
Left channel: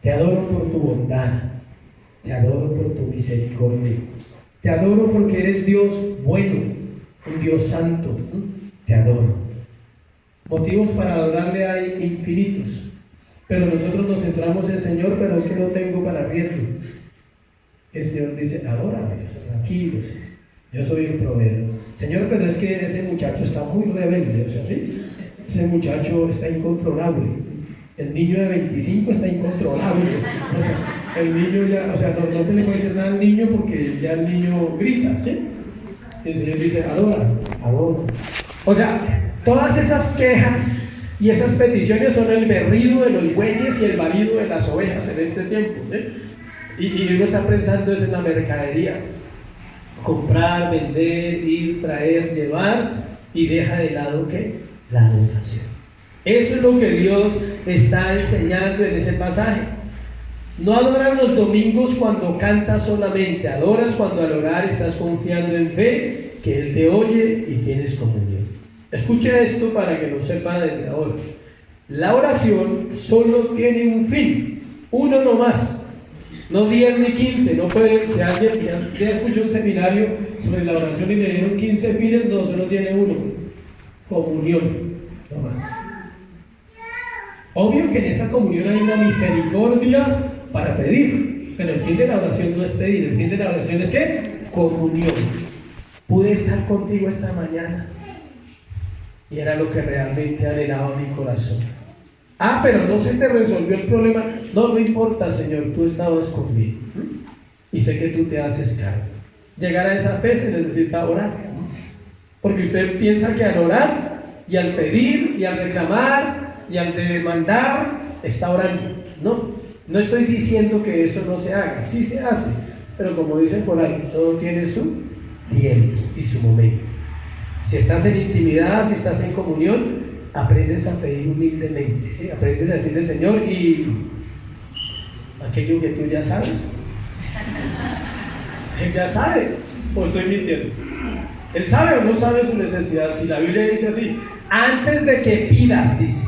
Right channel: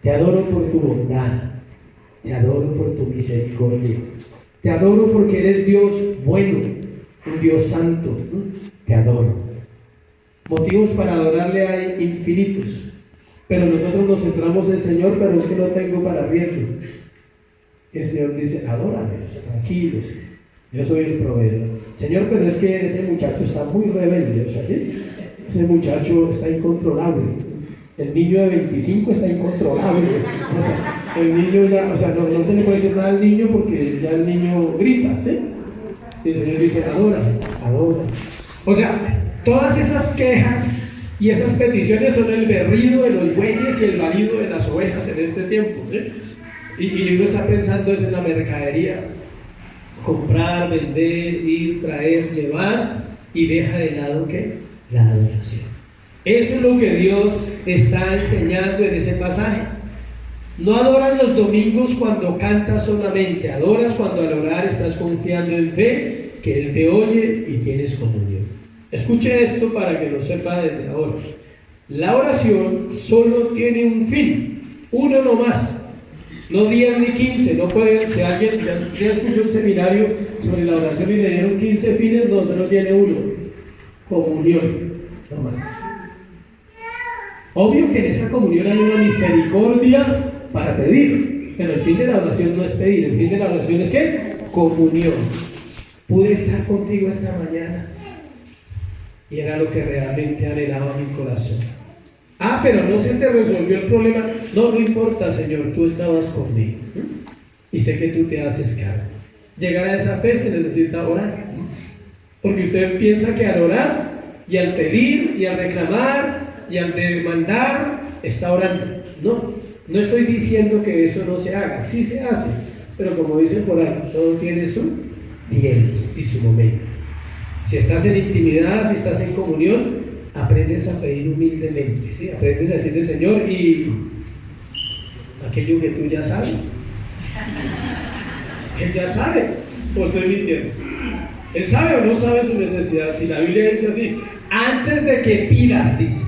Te adoro por tu bondad. Te adoro por tu misericordia. Te adoro porque eres Dios bueno, un Dios santo. Te adoro. Motivos para adorarle hay infinitos, pero nosotros nos centramos en Señor, pero es que no tengo para riendo. El Señor dice, adórame, tranquilos, yo soy el proveedor. Señor, pero es que ese muchacho está muy rebelde, o sea, ¿sí? Ese muchacho está incontrolable. El niño de 25 está incontrolable. O sea, el niño ya, o sea, no se le puede decir nada al niño porque ya el niño grita, ¿sí? Y el Señor dice, adórame, adórame. O sea, todas esas quejas y esas peticiones son el berrido de los bueyes y el balido de las ovejas en este tiempo, ¿sí? Y uno está pensando es en la mercadería: comprar, vender, ir, traer, llevar, y deja de lado ¿qué? La adoración. Eso es lo que Dios está enseñando en ese pasaje. No adoras los domingos cuando cantas solamente, adoras cuando al orar estás confiando en fe que Él te oye y tienes comunión. Escuche esto para que lo sepa desde ahora. La oración solo tiene un fin, uno nomás. No 10 ni 15, no puede, si alguien ya escuchó un seminario sobre la oración y le dieron 15 fines, no, solo tiene uno: comunión, no más. Obvio que en esa comunión hay una misericordia para pedir, pero el fin de la oración no es pedir, el fin de la oración es ¿qué? Comunión. Pude estar contigo esta mañana, Y era lo que realmente anhelaba mi corazón. Ah, pero no se te resolvió el problema. No, no importa, Señor, tú estabas conmigo. Y sé que tú te haces cargo. Llegar a esa fe se necesita orar. Porque usted piensa que al orar y al pedir y al reclamar y al demandar está orando. No, no estoy diciendo que eso no se haga. Sí se hace. Pero como dicen por ahí, todo tiene su tiempo y su momento. Si estás en intimidad, si estás en comunión, aprendes a pedir humildemente, ¿sí? Aprendes a decirle, Señor, y aquello que tú ya sabes. Él ya sabe, o estoy mintiendo. Él sabe o no sabe su necesidad. Si la Biblia dice así, antes de que pidas, dice,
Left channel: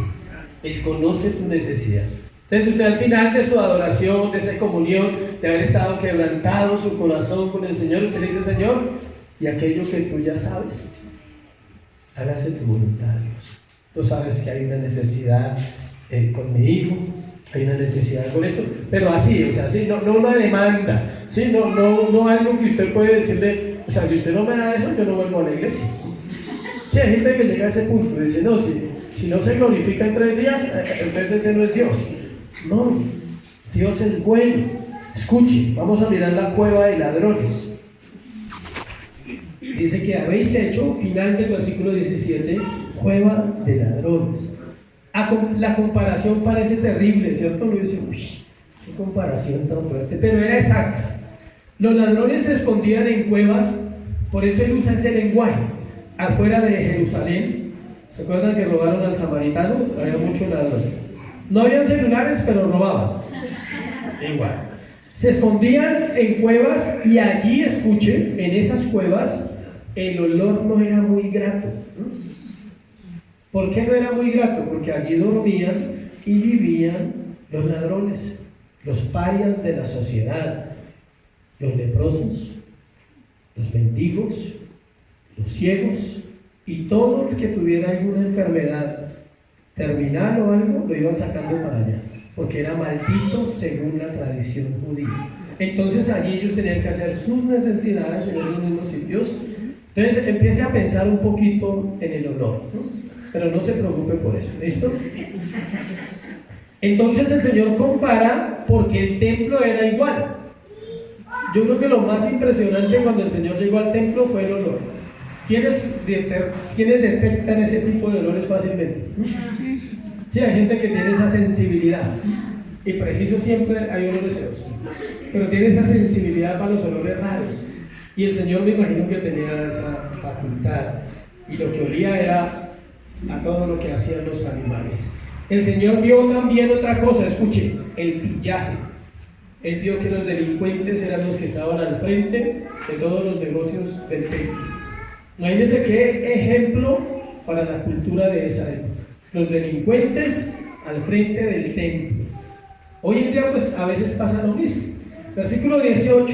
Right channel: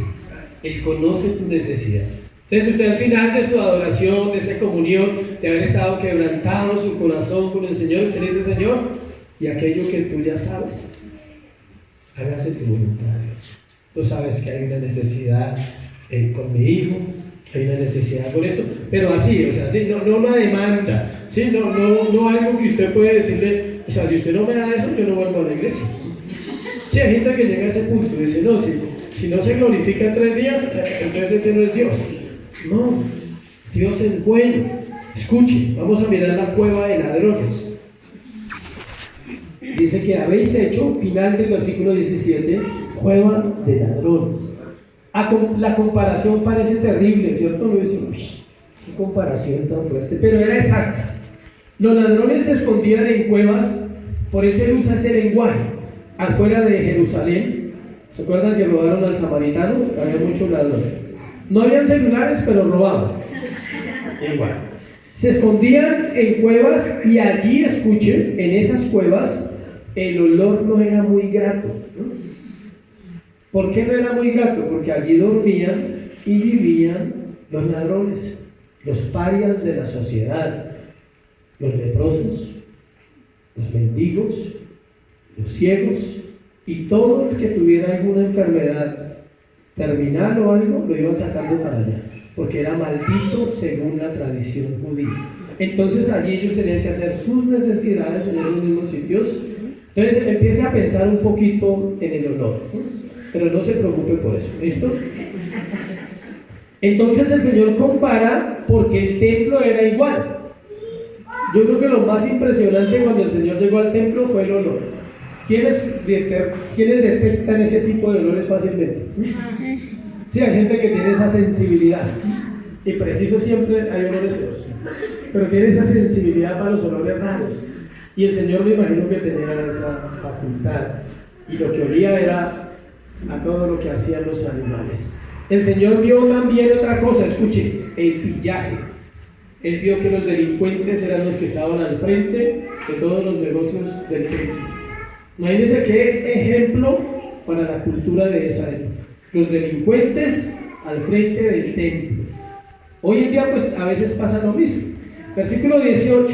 Él conoce tu necesidad. Entonces usted al final de su adoración, de esa comunión, de haber estado quebrantado su corazón con el Señor, usted le dice, Señor, y aquello que tú ya sabes, hágase tu voluntad, Dios. Tú sabes que hay una necesidad con mi hijo, hay una necesidad con esto, pero así, o sea, así, no una demanda, ¿sí? No algo que usted puede decirle, o sea, si usted no me da eso, yo no vuelvo a la iglesia. Sí, hay gente que llega a ese punto y dice, no, si no se glorifica en 3 días, entonces ese no es Dios. No, Dios es bueno. Escuche, vamos a mirar la cueva de ladrones. Dice que habéis hecho, final del versículo 17, cueva de ladrones. La comparación parece terrible, ¿cierto? Uno dice, uy, qué comparación tan fuerte, pero era exacta. Los ladrones se escondían en cuevas, por eso él usa ese lenguaje. Afuera de Jerusalén, ¿se acuerdan que robaron al samaritano? Había muchos ladrones. No habían celulares, pero robaban. Igual. Se escondían en cuevas y allí, escuche, en esas cuevas, el olor no era muy grato. ¿Por qué no era muy grato? Porque allí dormían y vivían los ladrones, los parias de la sociedad, los leprosos, los mendigos, los ciegos y todo el que tuviera alguna enfermedad terminal o algo, lo iban sacando para allá, porque era maldito según la tradición judía. Entonces allí ellos tenían que hacer sus necesidades en esos mismos sitios. Entonces empiece a pensar un poquito en el olor, ¿no? Pero no se preocupe por eso, ¿listo? Entonces el Señor compara porque el templo era igual. Yo creo que lo más impresionante cuando el Señor llegó al templo fue el olor. ¿Quiénes detectan ese tipo de olores fácilmente? Sí, hay gente que tiene esa sensibilidad. Y preciso siempre hay olores feos. Pero tiene esa sensibilidad para los olores raros. Y el Señor me imagino que tenía esa facultad. Y lo que olía era a todo lo que hacían los animales. El Señor vio también otra cosa, escuche, el pillaje. Él vio que los delincuentes eran los que estaban al frente de todos los negocios del templo. Imagínense qué ejemplo para la cultura de esa época. Los delincuentes al frente del templo. Hoy en día pues a veces pasa lo mismo. Versículo 18.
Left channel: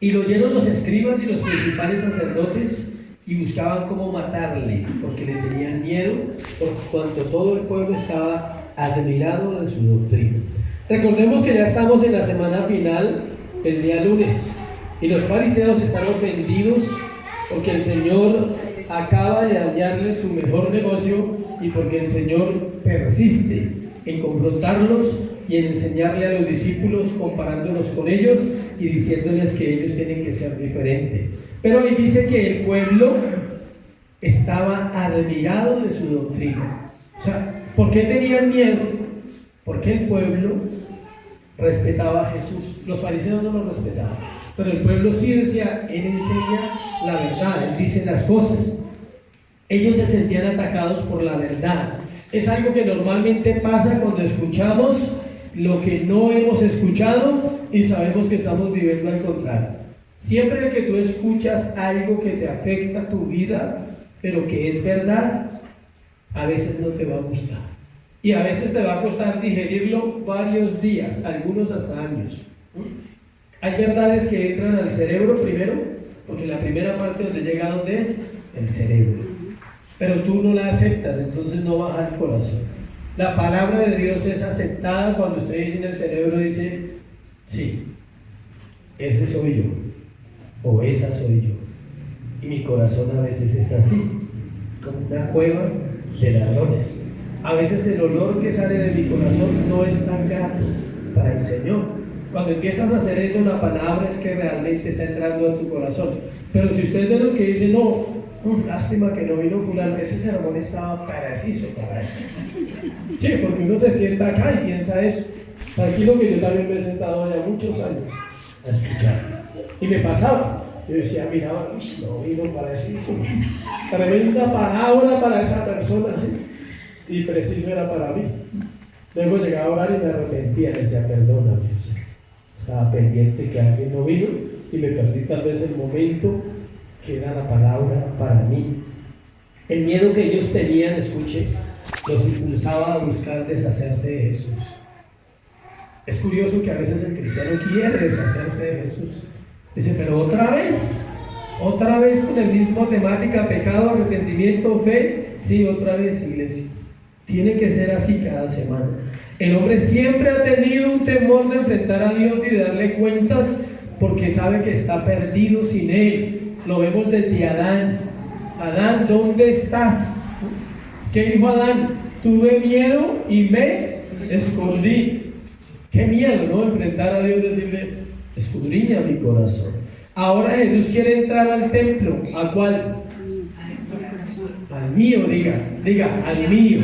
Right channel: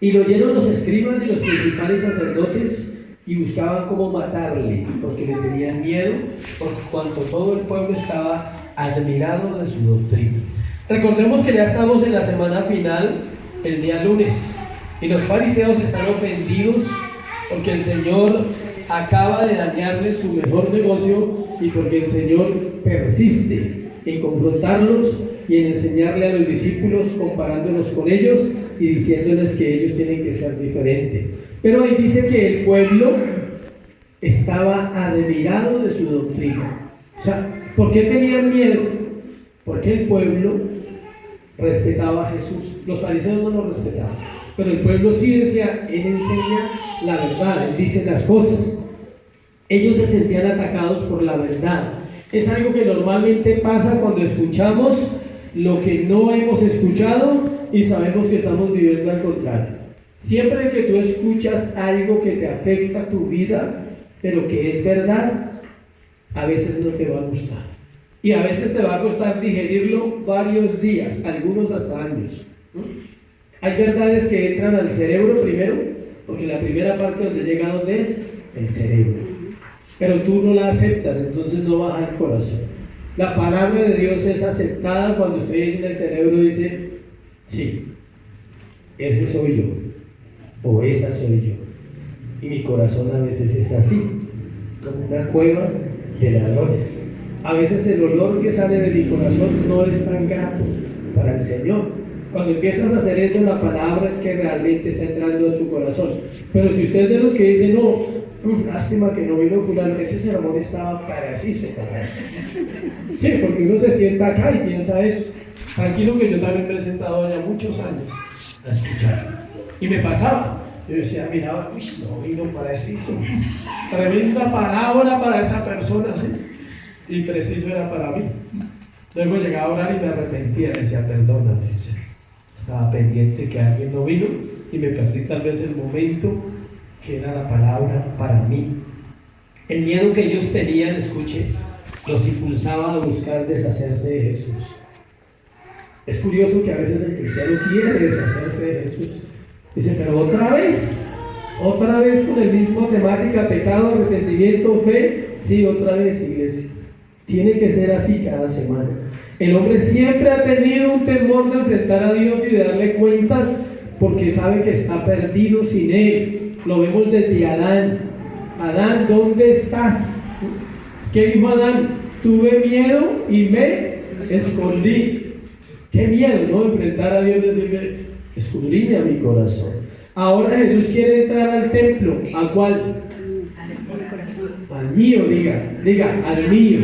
Y lo oyeron los escribas y los principales sacerdotes y buscaban cómo matarle, porque le tenían miedo, por cuanto todo el pueblo estaba admirado de su doctrina. Recordemos que ya estamos en la semana final, el día lunes, y los fariseos están ofendidos porque el Señor acaba de dañarles su mejor negocio y porque el Señor persiste en confrontarlos y en enseñarle a los discípulos comparándolos con ellos y diciéndoles que ellos tienen que ser diferentes. Pero ahí dice que el pueblo estaba admirado de su doctrina. O sea, ¿por qué tenían miedo? Porque el pueblo respetaba a Jesús. Los fariseos no lo respetaban, pero el pueblo sí decía, Él enseña la verdad, Él dice las cosas. Ellos se sentían atacados por la verdad. Es algo que normalmente pasa cuando escuchamos lo que no hemos escuchado y sabemos que estamos viviendo al contrario. Siempre que tú escuchas algo que te afecta a tu vida, pero que es verdad, a veces no te va a gustar. Y a veces te va a costar digerirlo varios días, algunos hasta años. Hay verdades que entran al cerebro primero, porque la primera parte donde llega, ¿dónde es? El cerebro. Pero tú no la aceptas, entonces no baja al corazón. La palabra de Dios es aceptada cuando usted dice en el cerebro, dice, sí, ese soy yo, o esa soy yo. Y mi corazón a veces es así. como una cueva de ladrones. A veces el olor que sale de mi corazón no es tan grato para el Señor. Cuando empiezas a hacer eso, la palabra es que realmente está entrando en tu corazón. Pero si usted es de los que dicen, no, lástima que no vino fulano, ese sermón estaba preciso para él. Sí, porque uno se sienta acá y piensa eso. Tranquilo que yo también me he sentado ya muchos años a escuchar. Y me pasaba. Yo decía, miraba, uy, no vino preciso. Tremenda palabra para esa persona, ¿sí? Y preciso era para mí. Luego llegaba a orar y me arrepentía. Le decía, perdóname, estaba pendiente que alguien no vino y me perdí tal vez el momento que era la palabra para mí. El miedo que ellos tenían, escuche, los impulsaba a buscar deshacerse de Jesús. Es curioso que a veces el cristiano quiere deshacerse de Jesús. Dice, pero otra vez con el mismo temática, pecado, arrepentimiento, fe. Sí, otra vez, iglesia. Tiene que ser así cada semana. El hombre siempre ha tenido un temor de enfrentar a Dios y de darle cuentas porque sabe que está perdido sin Él. Lo vemos desde Adán. Adán, ¿dónde estás? ¿Qué dijo Adán? Tuve miedo y me escondí. Qué miedo, ¿no? Enfrentar a Dios y decirle, escudriña mi corazón. Ahora Jesús quiere entrar al templo. ¿A cuál? Al mío, diga, al mío.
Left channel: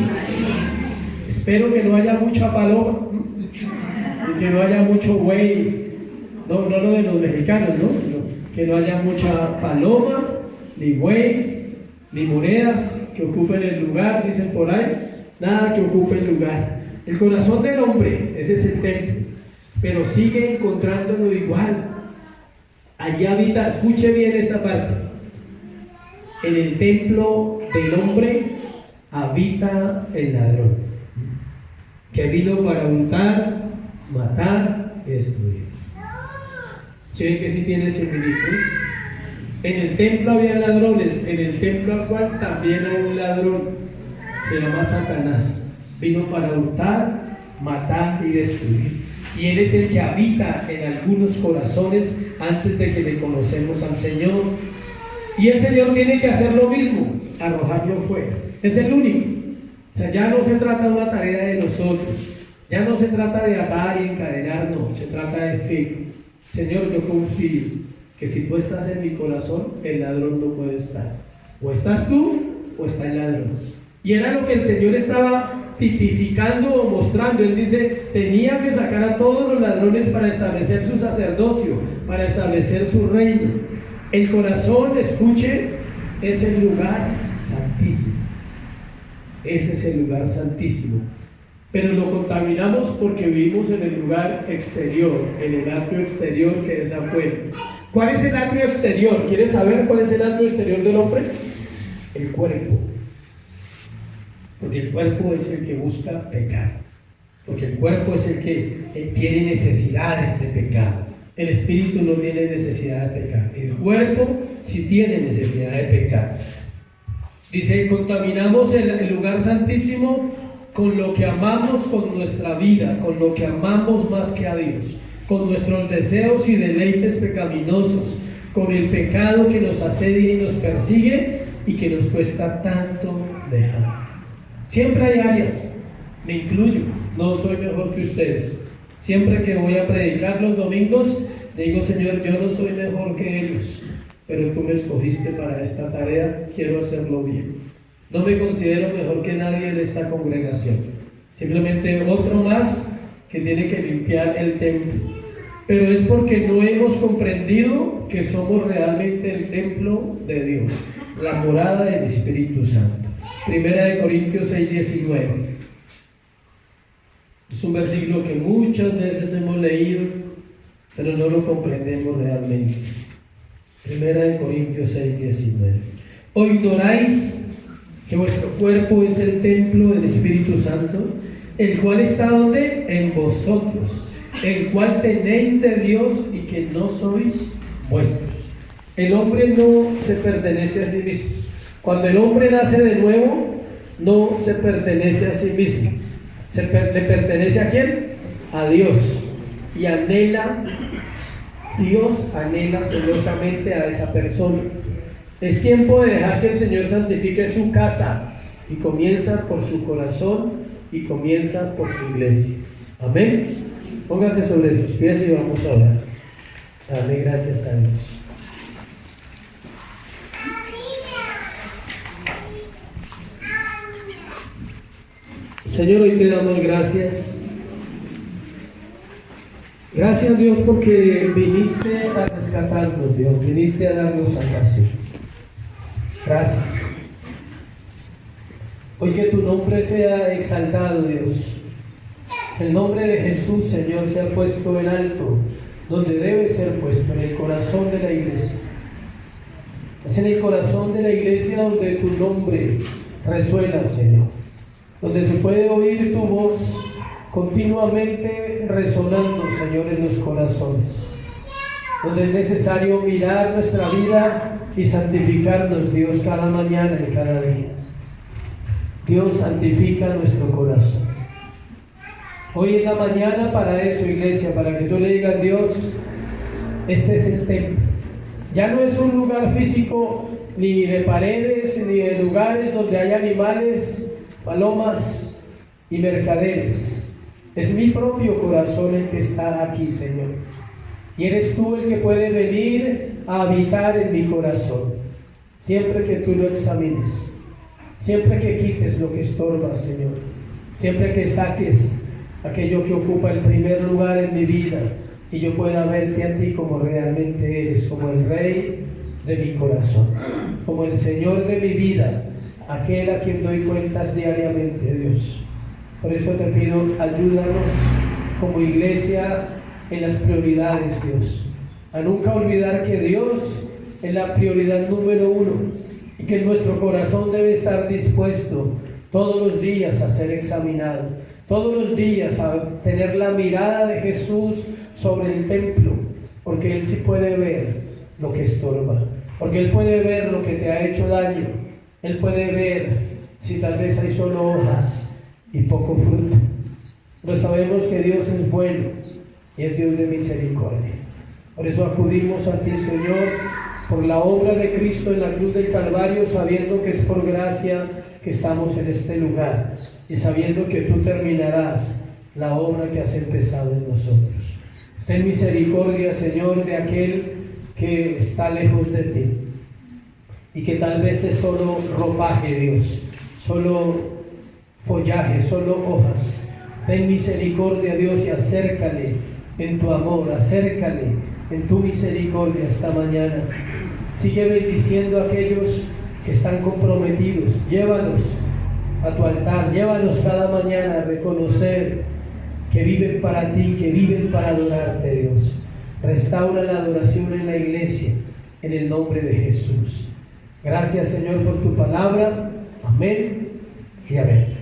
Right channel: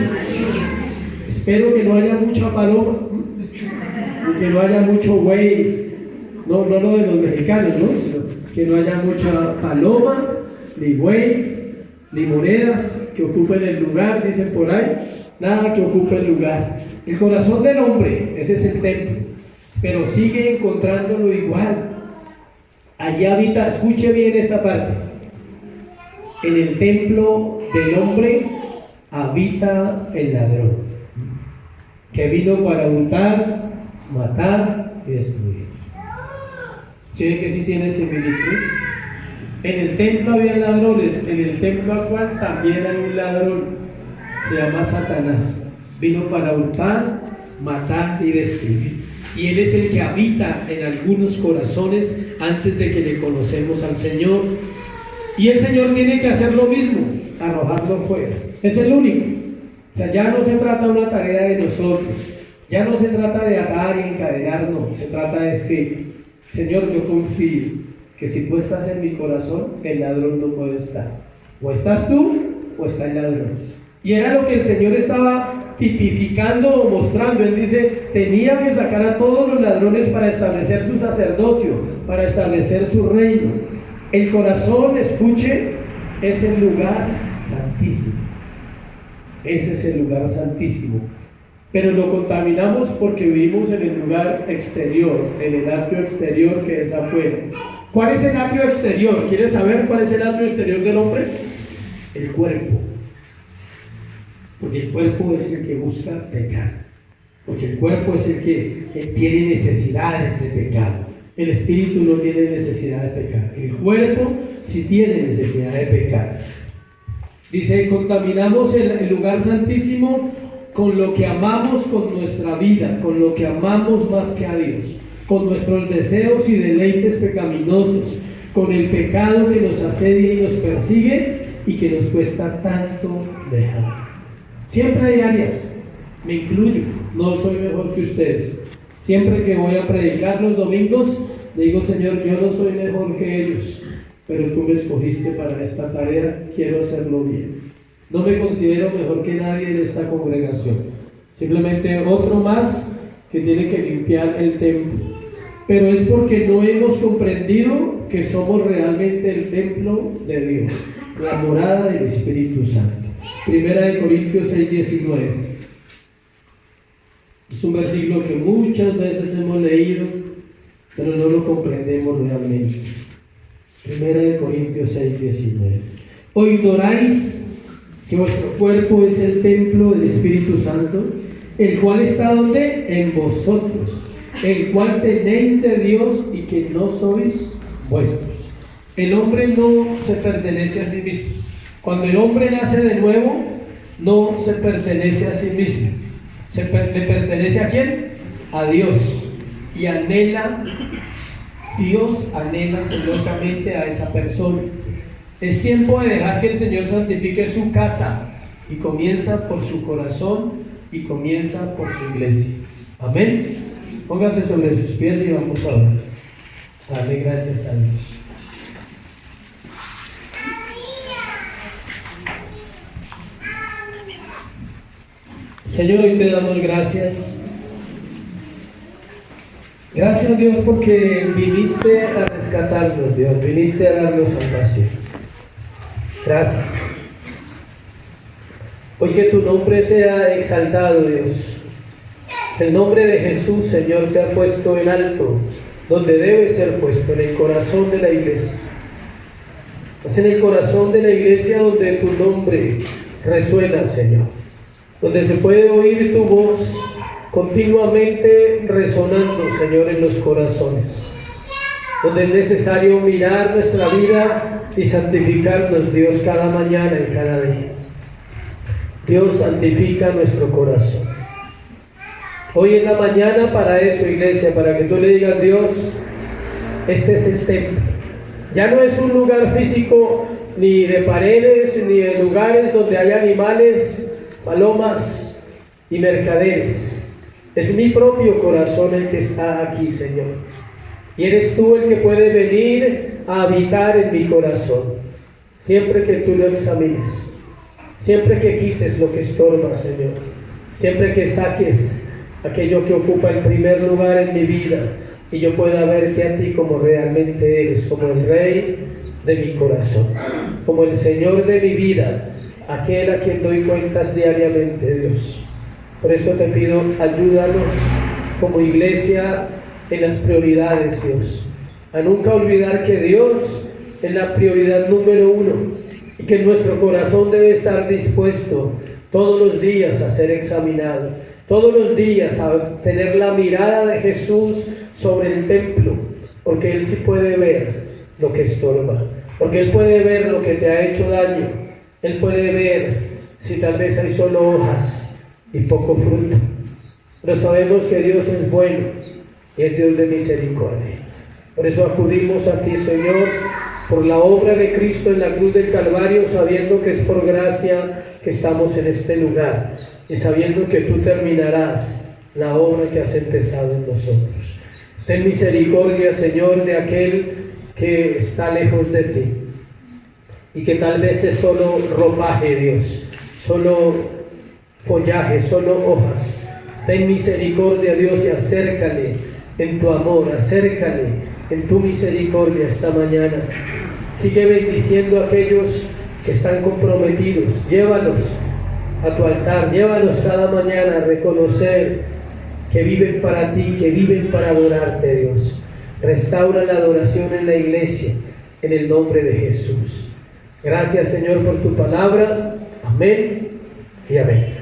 Espero que no haya mucha paloma y que no haya mucho güey, no lo de los mexicanos, ¿no? Sino que no haya mucha paloma, ni güey, ni monedas que ocupen el lugar, dicen por ahí, nada que ocupe el lugar. El corazón del hombre, ese es el templo, pero sigue encontrándolo igual. Allí habita, escuche bien esta parte, en el templo del hombre habita el ladrón, que vino para hurtar, matar y destruir. ¿Sí ven que sí tiene similitud? En el templo había ladrones, en el templo actual también hay un ladrón, se llama Satanás. Vino para hurtar, matar y destruir. Y Él es el que habita en algunos corazones antes de que le conocemos al Señor. Y el Señor tiene que hacer lo mismo, arrojarlo fuera. Es el único. O sea, ya no se trata de una tarea de nosotros, ya no se trata de atar y encadenar, no, se trata de fe. Señor, yo confío que si tú estás en mi corazón, el ladrón no puede estar. O estás tú, o está el ladrón. Y era lo que el Señor estaba tipificando o mostrando. Él dice, tenía que sacar a todos los ladrones para establecer su sacerdocio, para establecer su reino. El corazón, escuche, es el lugar santísimo. Ese es el lugar santísimo. Pero lo contaminamos porque vivimos en el lugar exterior, en el atrio exterior que es afuera. ¿Cuál es el atrio exterior? ¿Quieres saber cuál es el atrio exterior del hombre? El cuerpo. Porque el cuerpo es el que busca pecar. Porque el cuerpo es el que tiene necesidades de pecado. El espíritu no tiene necesidad de pecar. El cuerpo sí tiene necesidad de pecar. Dice, contaminamos el lugar santísimo con lo que amamos con nuestra vida, con lo que amamos más que a Dios, con nuestros deseos y deleites pecaminosos, con el pecado que nos asedia y nos persigue y que nos cuesta tanto dejar. Siempre hay áreas, me incluyo, no soy mejor que ustedes. Siempre que voy a predicar los domingos, digo, Señor, yo no soy mejor que ellos, pero tú me escogiste para esta tarea, quiero hacerlo bien. No me considero mejor que nadie en esta congregación, simplemente otro más que tiene que limpiar el templo. Pero es porque no hemos comprendido que somos realmente el templo de Dios, la morada del Espíritu Santo. Primera de Corintios 6:19. Es un versículo que muchas veces hemos leído, pero no lo comprendemos realmente. Primera de Corintios 6:19. ¿O ignoráis que vuestro cuerpo es el templo del Espíritu Santo, el cual está donde? En vosotros, el cual tenéis de Dios y que no sois vuestros? El hombre no se pertenece a sí mismo. Cuando el hombre nace de nuevo, no se pertenece a sí mismo. ¿Le pertenece a quién? A Dios. Y Dios anhela celosamente a esa persona. Es tiempo de dejar que el Señor santifique su casa, y comienza por su corazón y comienza por su iglesia. Amén. Póngase sobre sus pies y vamos a orar. Dale gracias a Dios. Señor, hoy te damos gracias. Gracias, Dios, porque viniste a rescatarnos, Dios, viniste a darnos salvación. Gracias. Hoy que tu nombre sea exaltado, Dios. El nombre de Jesús, Señor, sea puesto en alto, donde debe ser puesto, en el corazón de la iglesia. Es en el corazón de la iglesia donde tu nombre resuena, Señor. Donde se puede oír tu voz continuamente resonando, Señor, en los corazones. Donde es necesario mirar nuestra vida y santificarnos, Dios, cada mañana y cada día. Dios, santifica nuestro corazón. Hoy es la mañana para eso, iglesia, para que tú le digas: Dios, este es el templo. Ya no es un lugar físico, ni de paredes, ni de lugares donde hay animales, palomas y mercaderes. Es mi propio corazón el que está aquí, Señor. Y eres tú el que puede venir a habitar en mi corazón, siempre que tú lo examines, siempre que quites lo que estorba, Señor, siempre que saques aquello que ocupa el primer lugar en mi vida y yo pueda verte a ti como realmente eres, como el Rey de mi corazón, como el Señor de mi vida, aquel a quien doy cuentas diariamente, Dios. Por eso te pido, ayúdanos como iglesia en las prioridades, Dios, a nunca olvidar que Dios es la prioridad número uno y que nuestro corazón debe estar dispuesto todos los días a ser examinado, todos los días a tener la mirada de Jesús sobre el templo, porque Él sí puede ver lo que estorba, porque Él puede ver lo que te ha hecho daño, Él puede ver si tal vez hay solo hojas y poco fruto. Pero sabemos que Dios es bueno y es Dios de misericordia. Por eso acudimos a ti, Señor, por la obra de Cristo en la cruz del Calvario, sabiendo que es por gracia que estamos en este lugar y sabiendo que tú terminarás la obra que has empezado en nosotros. Ten misericordia, Señor, de aquel que está lejos de ti y que tal vez es solo ropaje, Dios, solo follaje, solo hojas. Ten misericordia, Dios, y acércale en tu amor, acércale en tu misericordia esta mañana. Sigue bendiciendo a aquellos que están comprometidos. Llévalos a tu altar, llévalos cada mañana a reconocer que viven para ti, que viven para adorarte, Dios. Restaura la adoración en la iglesia, en el nombre de Jesús. Gracias, Señor, por tu palabra. Amén y amén.